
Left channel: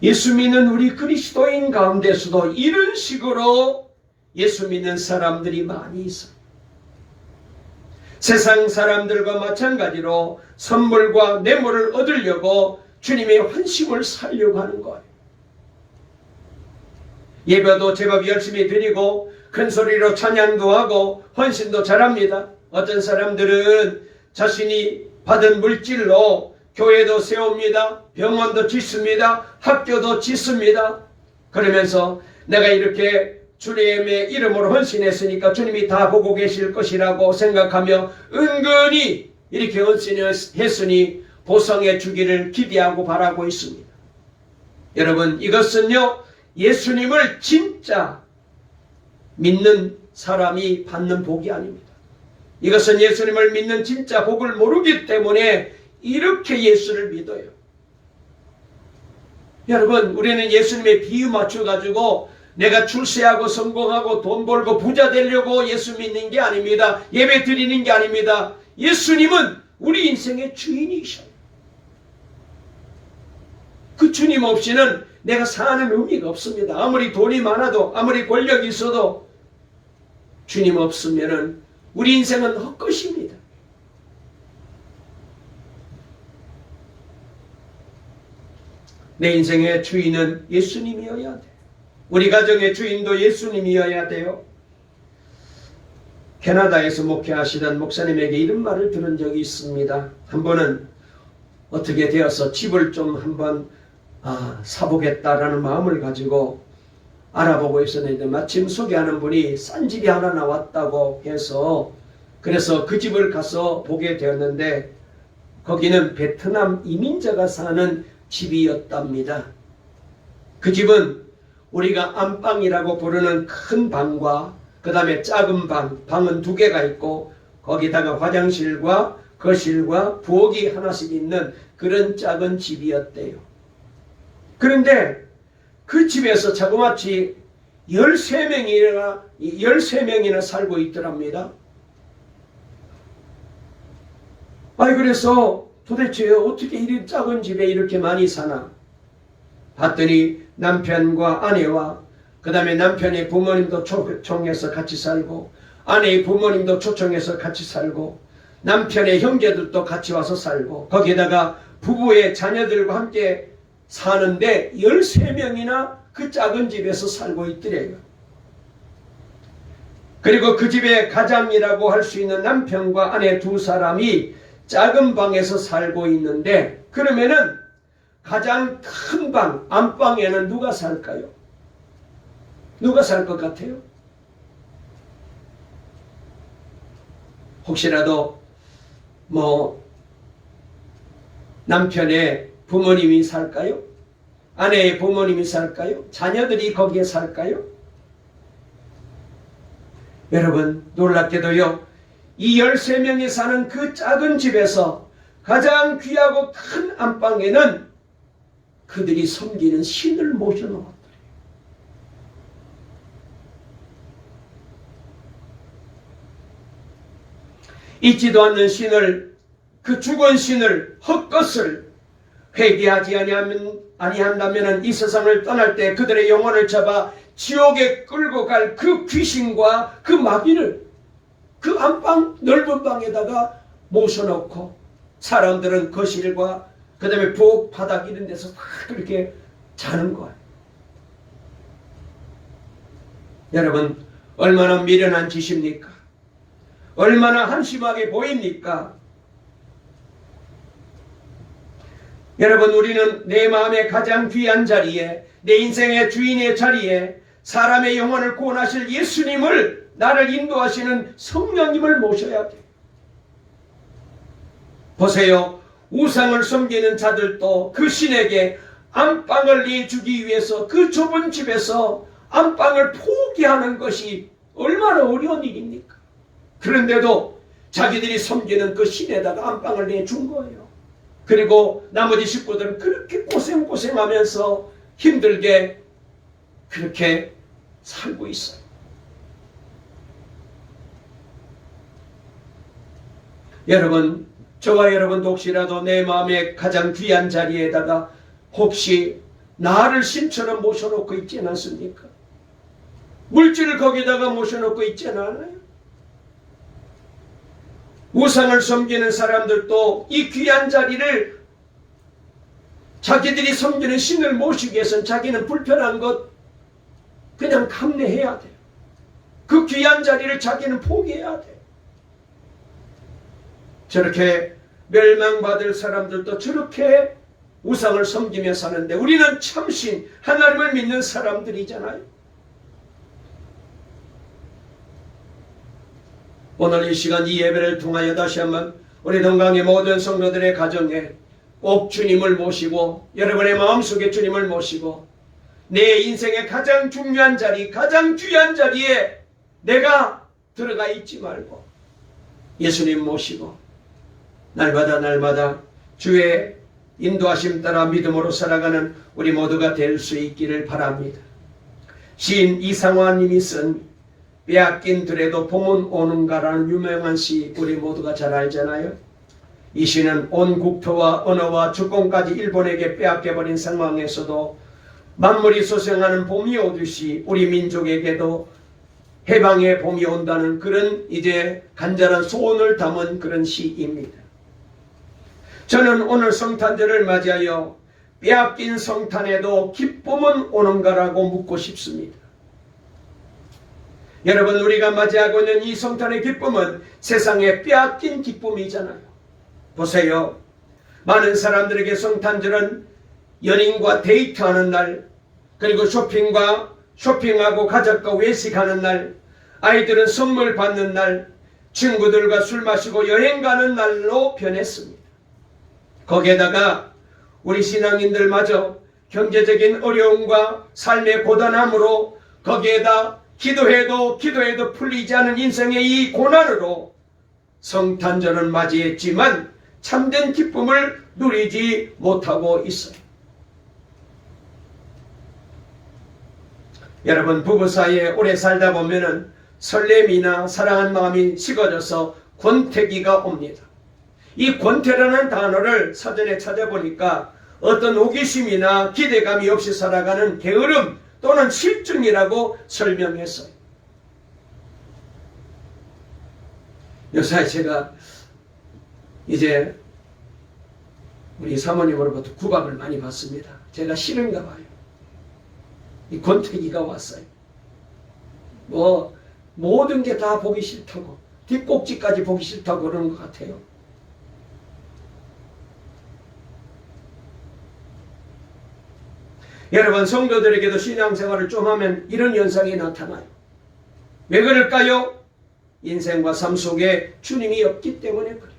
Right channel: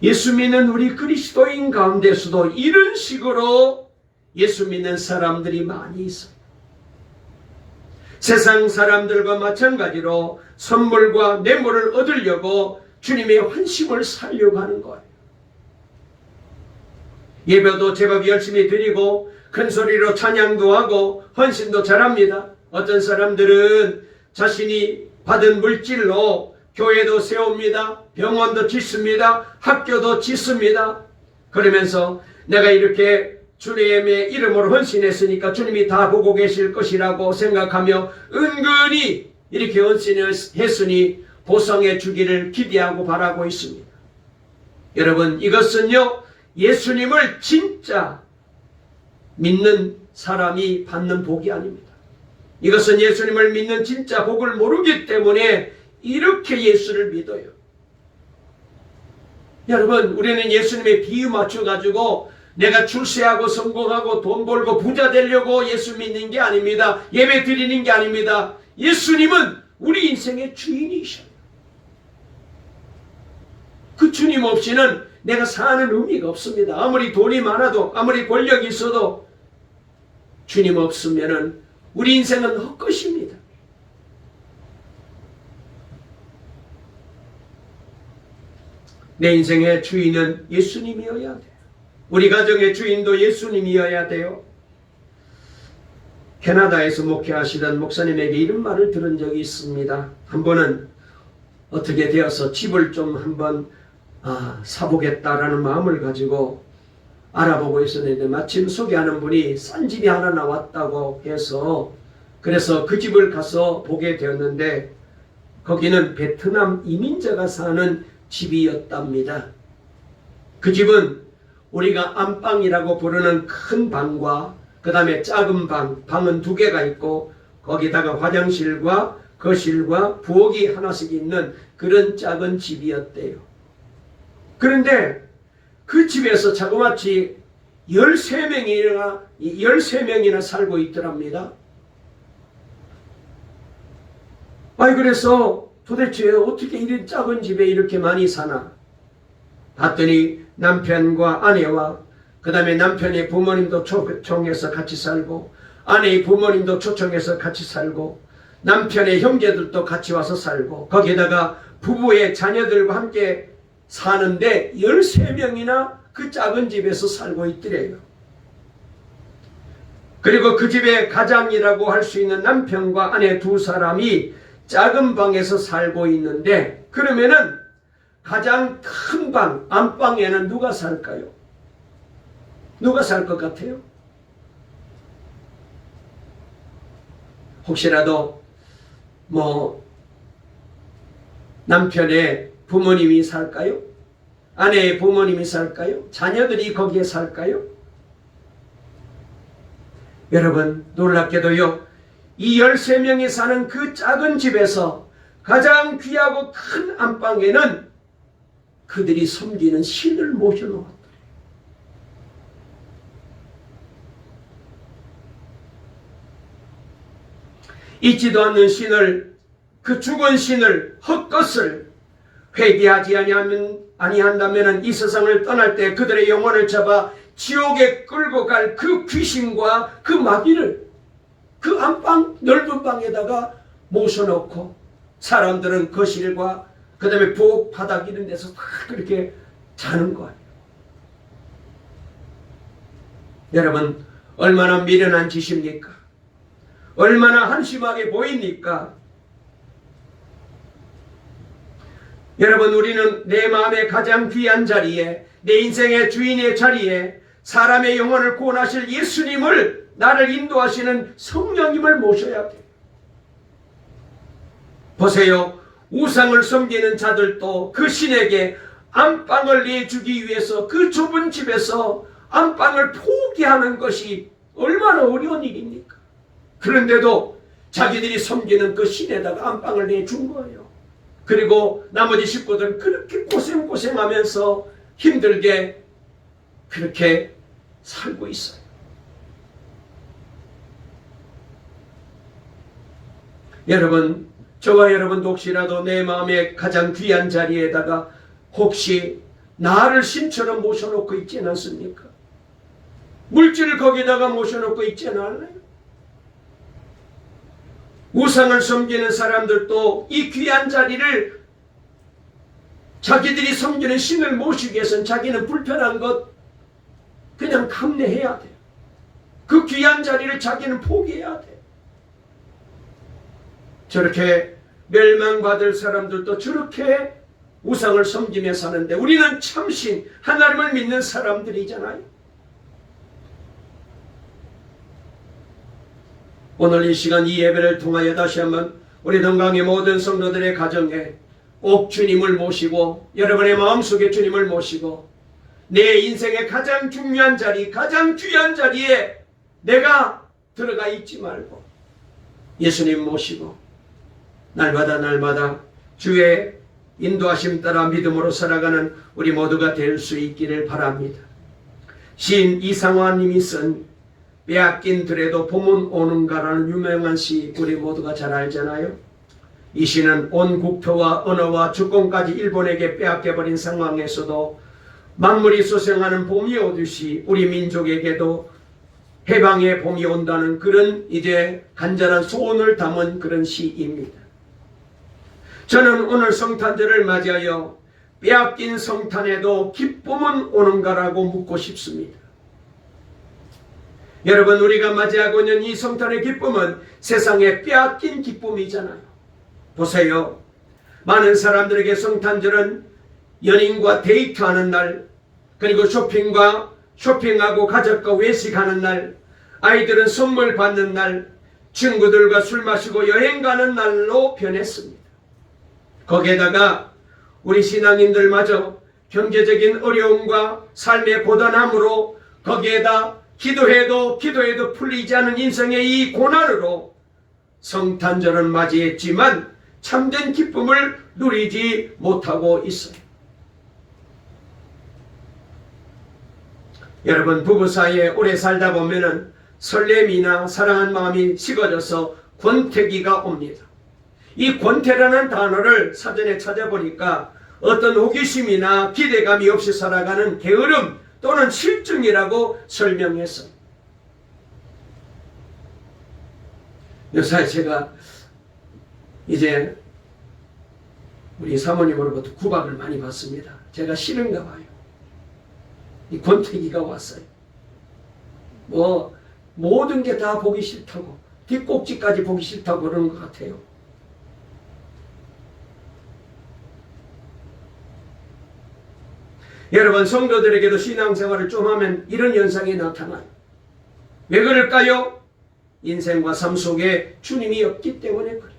예수 믿는 우리 그리스도인 가운데서도 이런 식으로 예수 믿는 사람들이 많이 있어요. 세상 사람들과 마찬가지로 선물과 뇌물을 얻으려고 주님의 환심을 살려고 하는 거예요. 예배도 제법 열심히 드리고 큰 소리로 찬양도 하고 헌신도 잘합니다. 어떤 사람들은 자신이 받은 물질로 교회도 세웁니다. 병원도 짓습니다. 학교도 짓습니다. 그러면서 내가 이렇게 주님의 이름으로 헌신했으니까 주님이 다 보고 계실 것이라고 생각하며 은근히 이렇게 헌신했으니 보상해 주기를 기대하고 바라고 있습니다. 여러분, 이것은요, 예수님을 진짜 믿는 사람이 받는 복이 아닙니다. 이것은 예수님을 믿는 진짜 복을 모르기 때문에 이렇게 예수를 믿어요. 여러분, 우리는 예수님의 비유 맞춰가지고 내가 출세하고 성공하고 돈 벌고 부자 되려고 예수 믿는 게 아닙니다. 예배 드리는 게 아닙니다. 예수님은 우리 인생의 주인이셔요. 그 주님 없이는 내가 사는 의미가 없습니다. 아무리 돈이 많아도 아무리 권력이 있어도 주님 없으면 우리 인생은 헛것입니다. 내 인생의 주인은 예수님이어야 돼요. 우리 가정의 주인도 예수님이어야 돼요. 캐나다에서 목회하시던 목사님에게 이런 말을 들은 적이 있습니다. 한 번은 어떻게 되어서 집을 좀 한번 사보겠다라는 마음을 가지고 알아보고 있었는데 마침 소개하는 분이 싼 집이 하나 나왔다고 해서 그래서 그 집을 가서 보게 되었는데 거기는 베트남 이민자가 사는 집이었답니다. 그 집은 우리가 안방이라고 부르는 큰 방과 그 다음에 작은 방은 2개가 있고 거기다가 화장실과 거실과 부엌이 하나씩 있는 그런 작은 집이었대요. 그런데 그 집에서 자그마치 13명이나 살고 있더랍니다. 그래서 도대체 어떻게 이런 작은 집에 이렇게 많이 사나? 봤더니 남편과 아내와 그 다음에 남편의 부모님도 초청해서 같이 살고 아내의 부모님도 초청해서 같이 살고 남편의 형제들도 같이 와서 살고 거기에다가 부부의 자녀들과 함께 사는데 13명이나 그 작은 집에서 살고 있더래요. 그리고 그 집의 가장이라고 할 수 있는 남편과 아내 2사람이 작은 방에서 살고 있는데 그러면은 가장 큰 방, 안방에는 누가 살까요? 누가 살 것 같아요? 혹시라도 남편의 부모님이 살까요? 아내의 부모님이 살까요? 자녀들이 거기에 살까요? 여러분, 놀랍게도요, 이 13명이 사는 그 작은 집에서 가장 귀하고 큰 안방에는 그들이 섬기는 신을 모셔놓았다. 있지도 않는 신을, 그 죽은 신을, 헛것을 회개하지 아니한다면 이 세상을 떠날 때 그들의 영혼을 잡아 지옥에 끌고 갈 그 귀신과 그 마귀를 그 안방 넓은 방에다가 모셔놓고 사람들은 거실과 그 다음에 부엌 바닥 이런 데서 다 그렇게 자는 거예요. 여러분, 얼마나 미련한 짓입니까? 얼마나 한심하게 보입니까? 여러분, 우리는 내 마음의 가장 귀한 자리에, 내 인생의 주인의 자리에 사람의 영혼을 구원하실 예수님을, 나를 인도하시는 성령님을 모셔야 돼요. 보세요. 우상을 섬기는 자들도 그 신에게 안방을 내주기 위해서 그 좁은 집에서 안방을 포기하는 것이 얼마나 어려운 일입니까? 그런데도 자기들이 섬기는 그 신에다가 안방을 내준 거예요. 그리고 나머지 식구들은 그렇게 고생하면서 힘들게 그렇게 살고 있어요. 여러분, 저와 여러분도 혹시라도 내 마음의 가장 귀한 자리에다가 혹시 나를 신처럼 모셔놓고 있지는 않습니까? 물질을 거기다가 모셔놓고 있지는 않아요? 우상을 섬기는 사람들도 이 귀한 자리를, 자기들이 섬기는 신을 모시기 위해서는 자기는 불편한 것 그냥 감내해야 돼요. 그 귀한 자리를 자기는 포기해야 돼요. 저렇게 멸망받을 사람들도 저렇게 우상을 섬기며 사는데, 우리는 참신 하나님을 믿는 사람들이잖아요. 오늘 이 시간 이 예배를 통하여 다시 한번 우리 동강의 모든 성도들의 가정에 꼭 주님을 모시고, 여러분의 마음속에 주님을 모시고, 내 인생의 가장 중요한 자리, 가장 귀한 자리에 내가 들어가 있지 말고 예수님 모시고 날마다 주의 인도하심 따라 믿음으로 살아가는 우리 모두가 될 수 있기를 바랍니다. 시인 이상화님이 쓴 빼앗긴 들에도 봄은 오는가라는 유명한 시, 우리 모두가 잘 알잖아요. 이 시는 온 국토와 언어와 주권까지 일본에게 빼앗겨버린 상황에서도 만물이 소생하는 봄이 오듯이 우리 민족에게도 해방의 봄이 온다는 그런 이제 간절한 소원을 담은 그런 시입니다. 저는 오늘 성탄절을 맞이하여 빼앗긴 성탄에도 기쁨은 오는가라고 묻고 싶습니다. 여러분, 우리가 맞이하고 있는 이 성탄의 기쁨은 세상에 빼앗긴 기쁨이잖아요. 보세요. 많은 사람들에게 성탄절은 연인과 데이트하는 날, 그리고 쇼핑하고 가족과 외식하는 날, 아이들은 선물 받는 날, 친구들과 술 마시고 여행 가는 날로 변했습니다. 거기에다가 우리 신앙인들마저 경제적인 어려움과 삶의 고단함으로, 거기에다 기도해도 풀리지 않은 인생의 이 고난으로 성탄절은 맞이했지만 참된 기쁨을 누리지 못하고 있어요. 여러분, 부부 사이에 오래 살다 보면은 설렘이나 사랑한 마음이 식어져서 권태기가 옵니다. 이 권태라는 단어를 사전에 찾아보니까 어떤 호기심이나 기대감이 없이 살아가는 게으름 또는 실증이라고 설명했어요. 요새 제가 이제 우리 사모님으로부터 구박을 많이 받습니다. 제가 싫은가 봐요. 이 권태기가 왔어요. 모든 게 다 보기 싫다고, 뒷꼭지까지 보기 싫다고 그러는 것 같아요. 여러분, 성도들에게도 신앙생활을 좀 하면 이런 현상이 나타나요. 왜 그럴까요? 인생과 삶 속에 주님이 없기 때문에 그래요.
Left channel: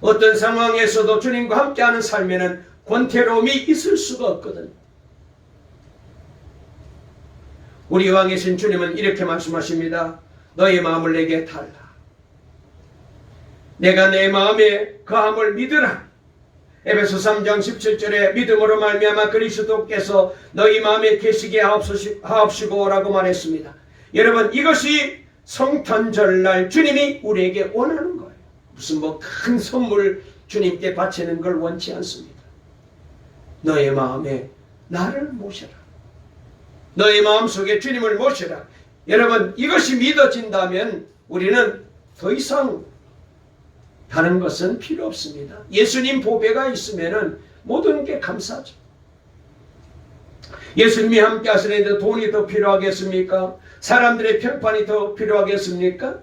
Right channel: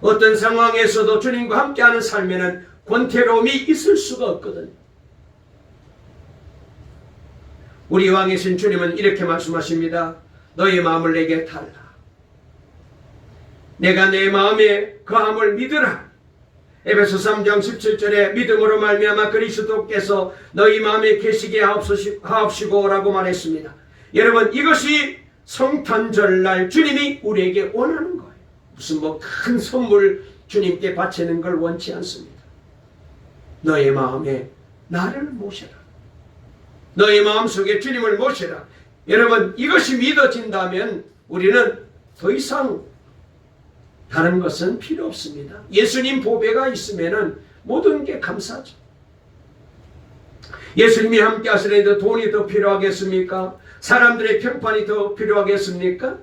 어떤 상황에서도 주님과 함께하는 삶에는 권태로움이 있을 수가 없거든요. 우리 왕이신 주님은 이렇게 말씀하십니다. 너의 마음을 내게 달라. 내가 내 마음에 거함을 믿으라. 에베소 3장 17절에 믿음으로 말미암아 그리스도께서 너희 마음에 계시게 하옵시고 라고 말했습니다. 여러분, 이것이 성탄절날 주님이 우리에게 원하는 거예요. 무슨 큰 선물 주님께 바치는 걸 원치 않습니다. 너의 마음에 나를 모셔라. 너의 마음속에 주님을 모셔라. 여러분, 이것이 믿어진다면 우리는 더 이상 다른 것은 필요 없습니다. 예수님 보배가 있으면 모든 게 감사하죠. 예수님이 함께 하시는데 돈이 더 필요하겠습니까? 사람들의 평판이 더 필요하겠습니까?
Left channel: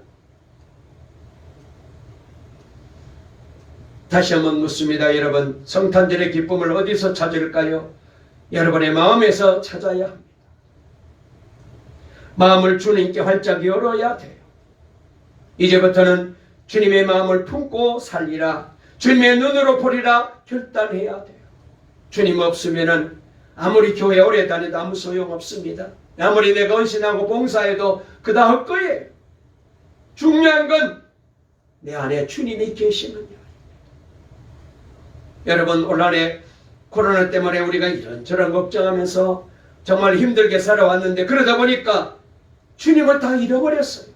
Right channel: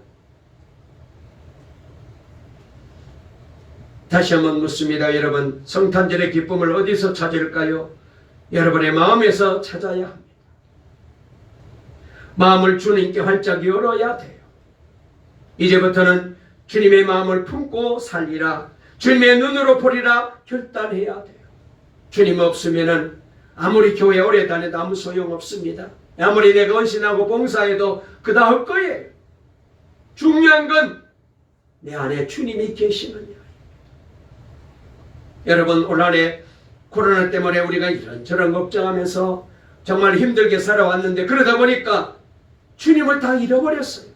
다시 한번 묻습니다. 여러분, 성탄절의 기쁨을 어디서 찾을까요? 여러분의 마음에서 찾아야 합니다. 마음을 주님께 활짝 열어야 돼요. 이제부터는 주님의 마음을 품고 살리라, 주님의 눈으로 보리라 결단해야 돼요. 주님 없으면은 아무리 교회 오래 다녀도 아무 소용없습니다. 아무리 내가 헌신하고 봉사해도 그다 헛거예요. 중요한 건 내 안에 주님이 계시느냐. 여러분, 올 한해 코로나 때문에 우리가 이런저런 걱정하면서 정말 힘들게 살아왔는데, 그러다 보니까 주님을 다 잃어버렸어요.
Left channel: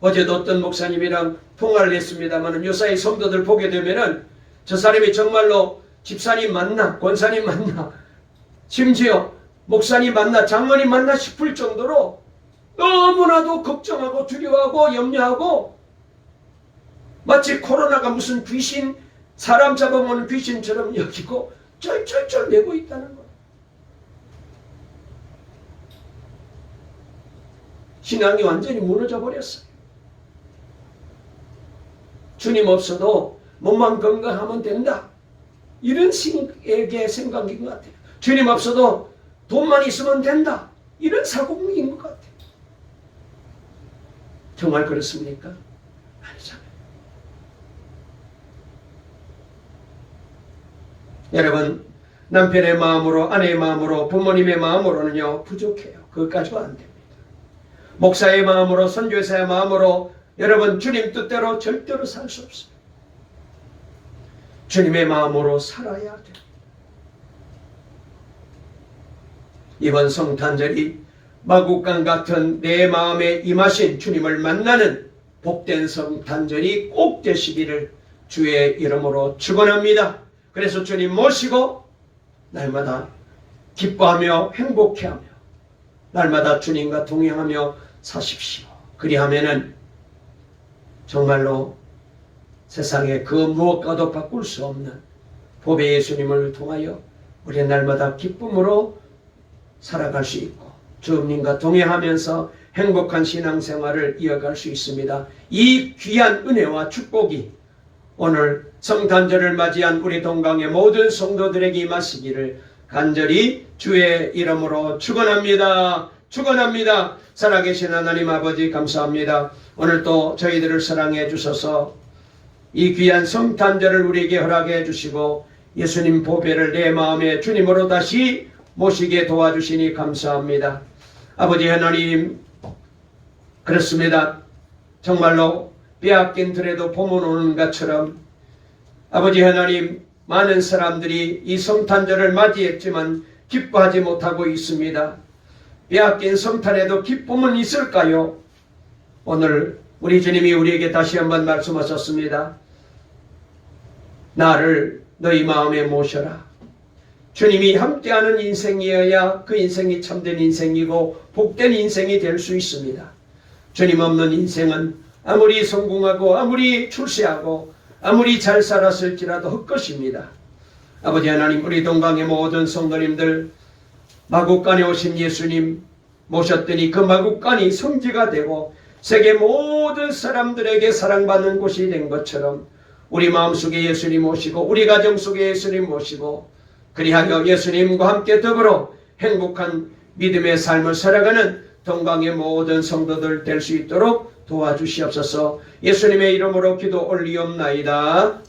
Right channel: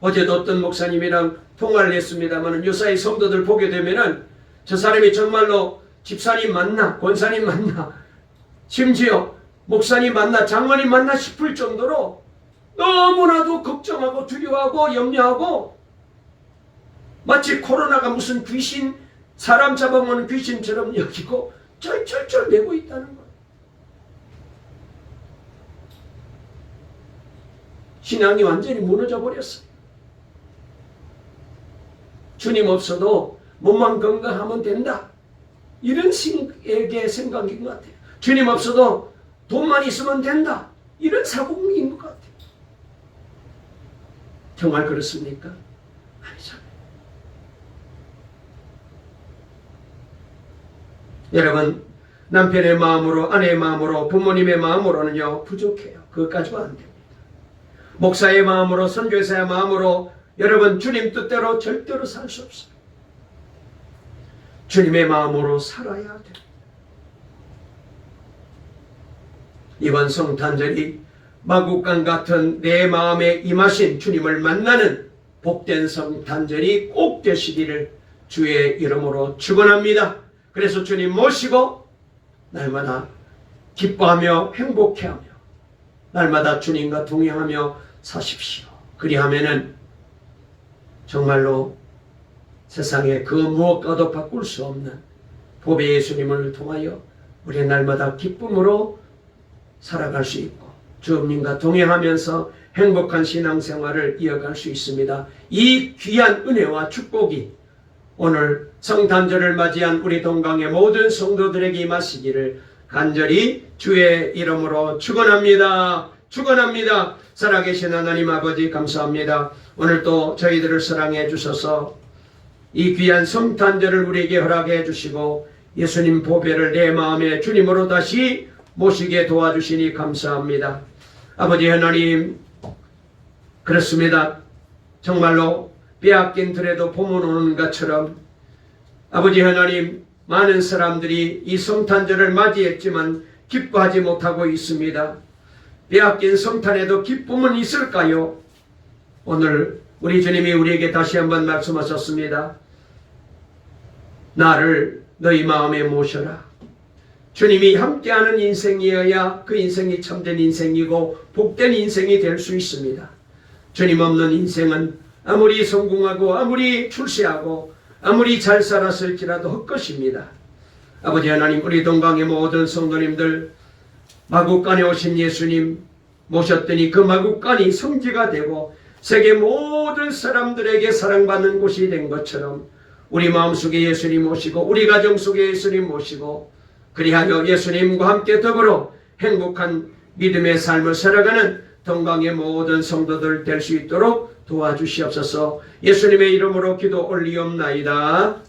어제도 어떤 목사님이랑 통화를 했습니다만, 요사이 성도들 보게 되면은 저 사람이 정말로 집사님 맞나, 권사님 맞나, 심지어 목사님 맞나, 장로님 맞나 싶을 정도로 너무나도 걱정하고 두려워하고 염려하고, 마치 코로나가 무슨 귀신, 사람 잡아먹는 귀신처럼 여기고 쩔쩔쩔 매고 있다는 거예요. 신앙이 완전히 무너져 버렸어요. 주님 없어도 몸만 건강하면 된다, 이런 식의 생각인 것 같아요. 주님 없어도 돈만 있으면 된다, 이런 사고인 것 같아요. 정말 그렇습니까? 아니잖아요. 여러분, 남편의 마음으로, 아내의 마음으로, 부모님의 마음으로는요 부족해요. 그것까지는 안 됩니다. 목사의 마음으로, 선교사의 마음으로 여러분 주님 뜻대로 절대로 살 수 없어요. 주님의 마음으로 살아야 돼요. 이번 성탄절이 마국간 같은 내 마음에 임하신 주님을 만나는 복된 성탄절이 꼭 되시기를 주의 이름으로 축원합니다. 그래서 주님 모시고 날마다 기뻐하며 행복해하며 날마다 주님과 동행하며 사십시오. 그리하면은 정말로 세상에 그 무엇과도 바꿀 수 없는 보배 예수님을 통하여 우리 날마다 기쁨으로 살아갈 수 있고 주님과 동행하면서 행복한 신앙생활을 이어갈 수 있습니다. 이 귀한 은혜와 축복이 오늘 성탄절을 맞이한 우리 동강의 모든 성도들에게 임하시기를 간절히 주의 이름으로 축원합니다. 축원합니다. 살아계신 하나님 아버지 감사합니다. 오늘 또 저희들을 사랑해 주셔서 이 귀한 성탄절을 우리에게 허락해 주시고 예수님 보배를 내 마음에 주님으로 다시 모시게 도와주시니 감사합니다. 아버지 하나님, 그렇습니다. 정말로 빼앗긴 들에도 봄은 오는 것처럼 아버지 하나님, 많은 사람들이 이 성탄절을 맞이했지만 기뻐하지 못하고 있습니다. 빼앗긴 성탄에도 기쁨은 있을까요? 오늘 우리 주님이 우리에게 다시 한번 말씀하셨습니다. 나를 너희 마음에 모셔라. 주님이 함께하는 인생이어야 그 인생이 참된 인생이고 복된 인생이 될 수 있습니다. 주님 없는 인생은 아무리 성공하고 아무리 출세하고 아무리 잘 살았을지라도 헛것입니다. 아버지 하나님, 우리 동강의 모든 성도님들 마국간에 오신 예수님 모셨더니 그 마국간이 성지가 되고 세계 모든 사람들에게 사랑받는 곳이 된 것처럼 우리 마음속에 예수님 모시고 우리 가정 속에 예수님 모시고 그리하여 예수님과 함께 더불어 행복한 믿음의 삶을 살아가는 동강의 모든 성도들 될 수 있도록 도와주시옵소서. 예수님의 이름으로 기도 올리옵나이다.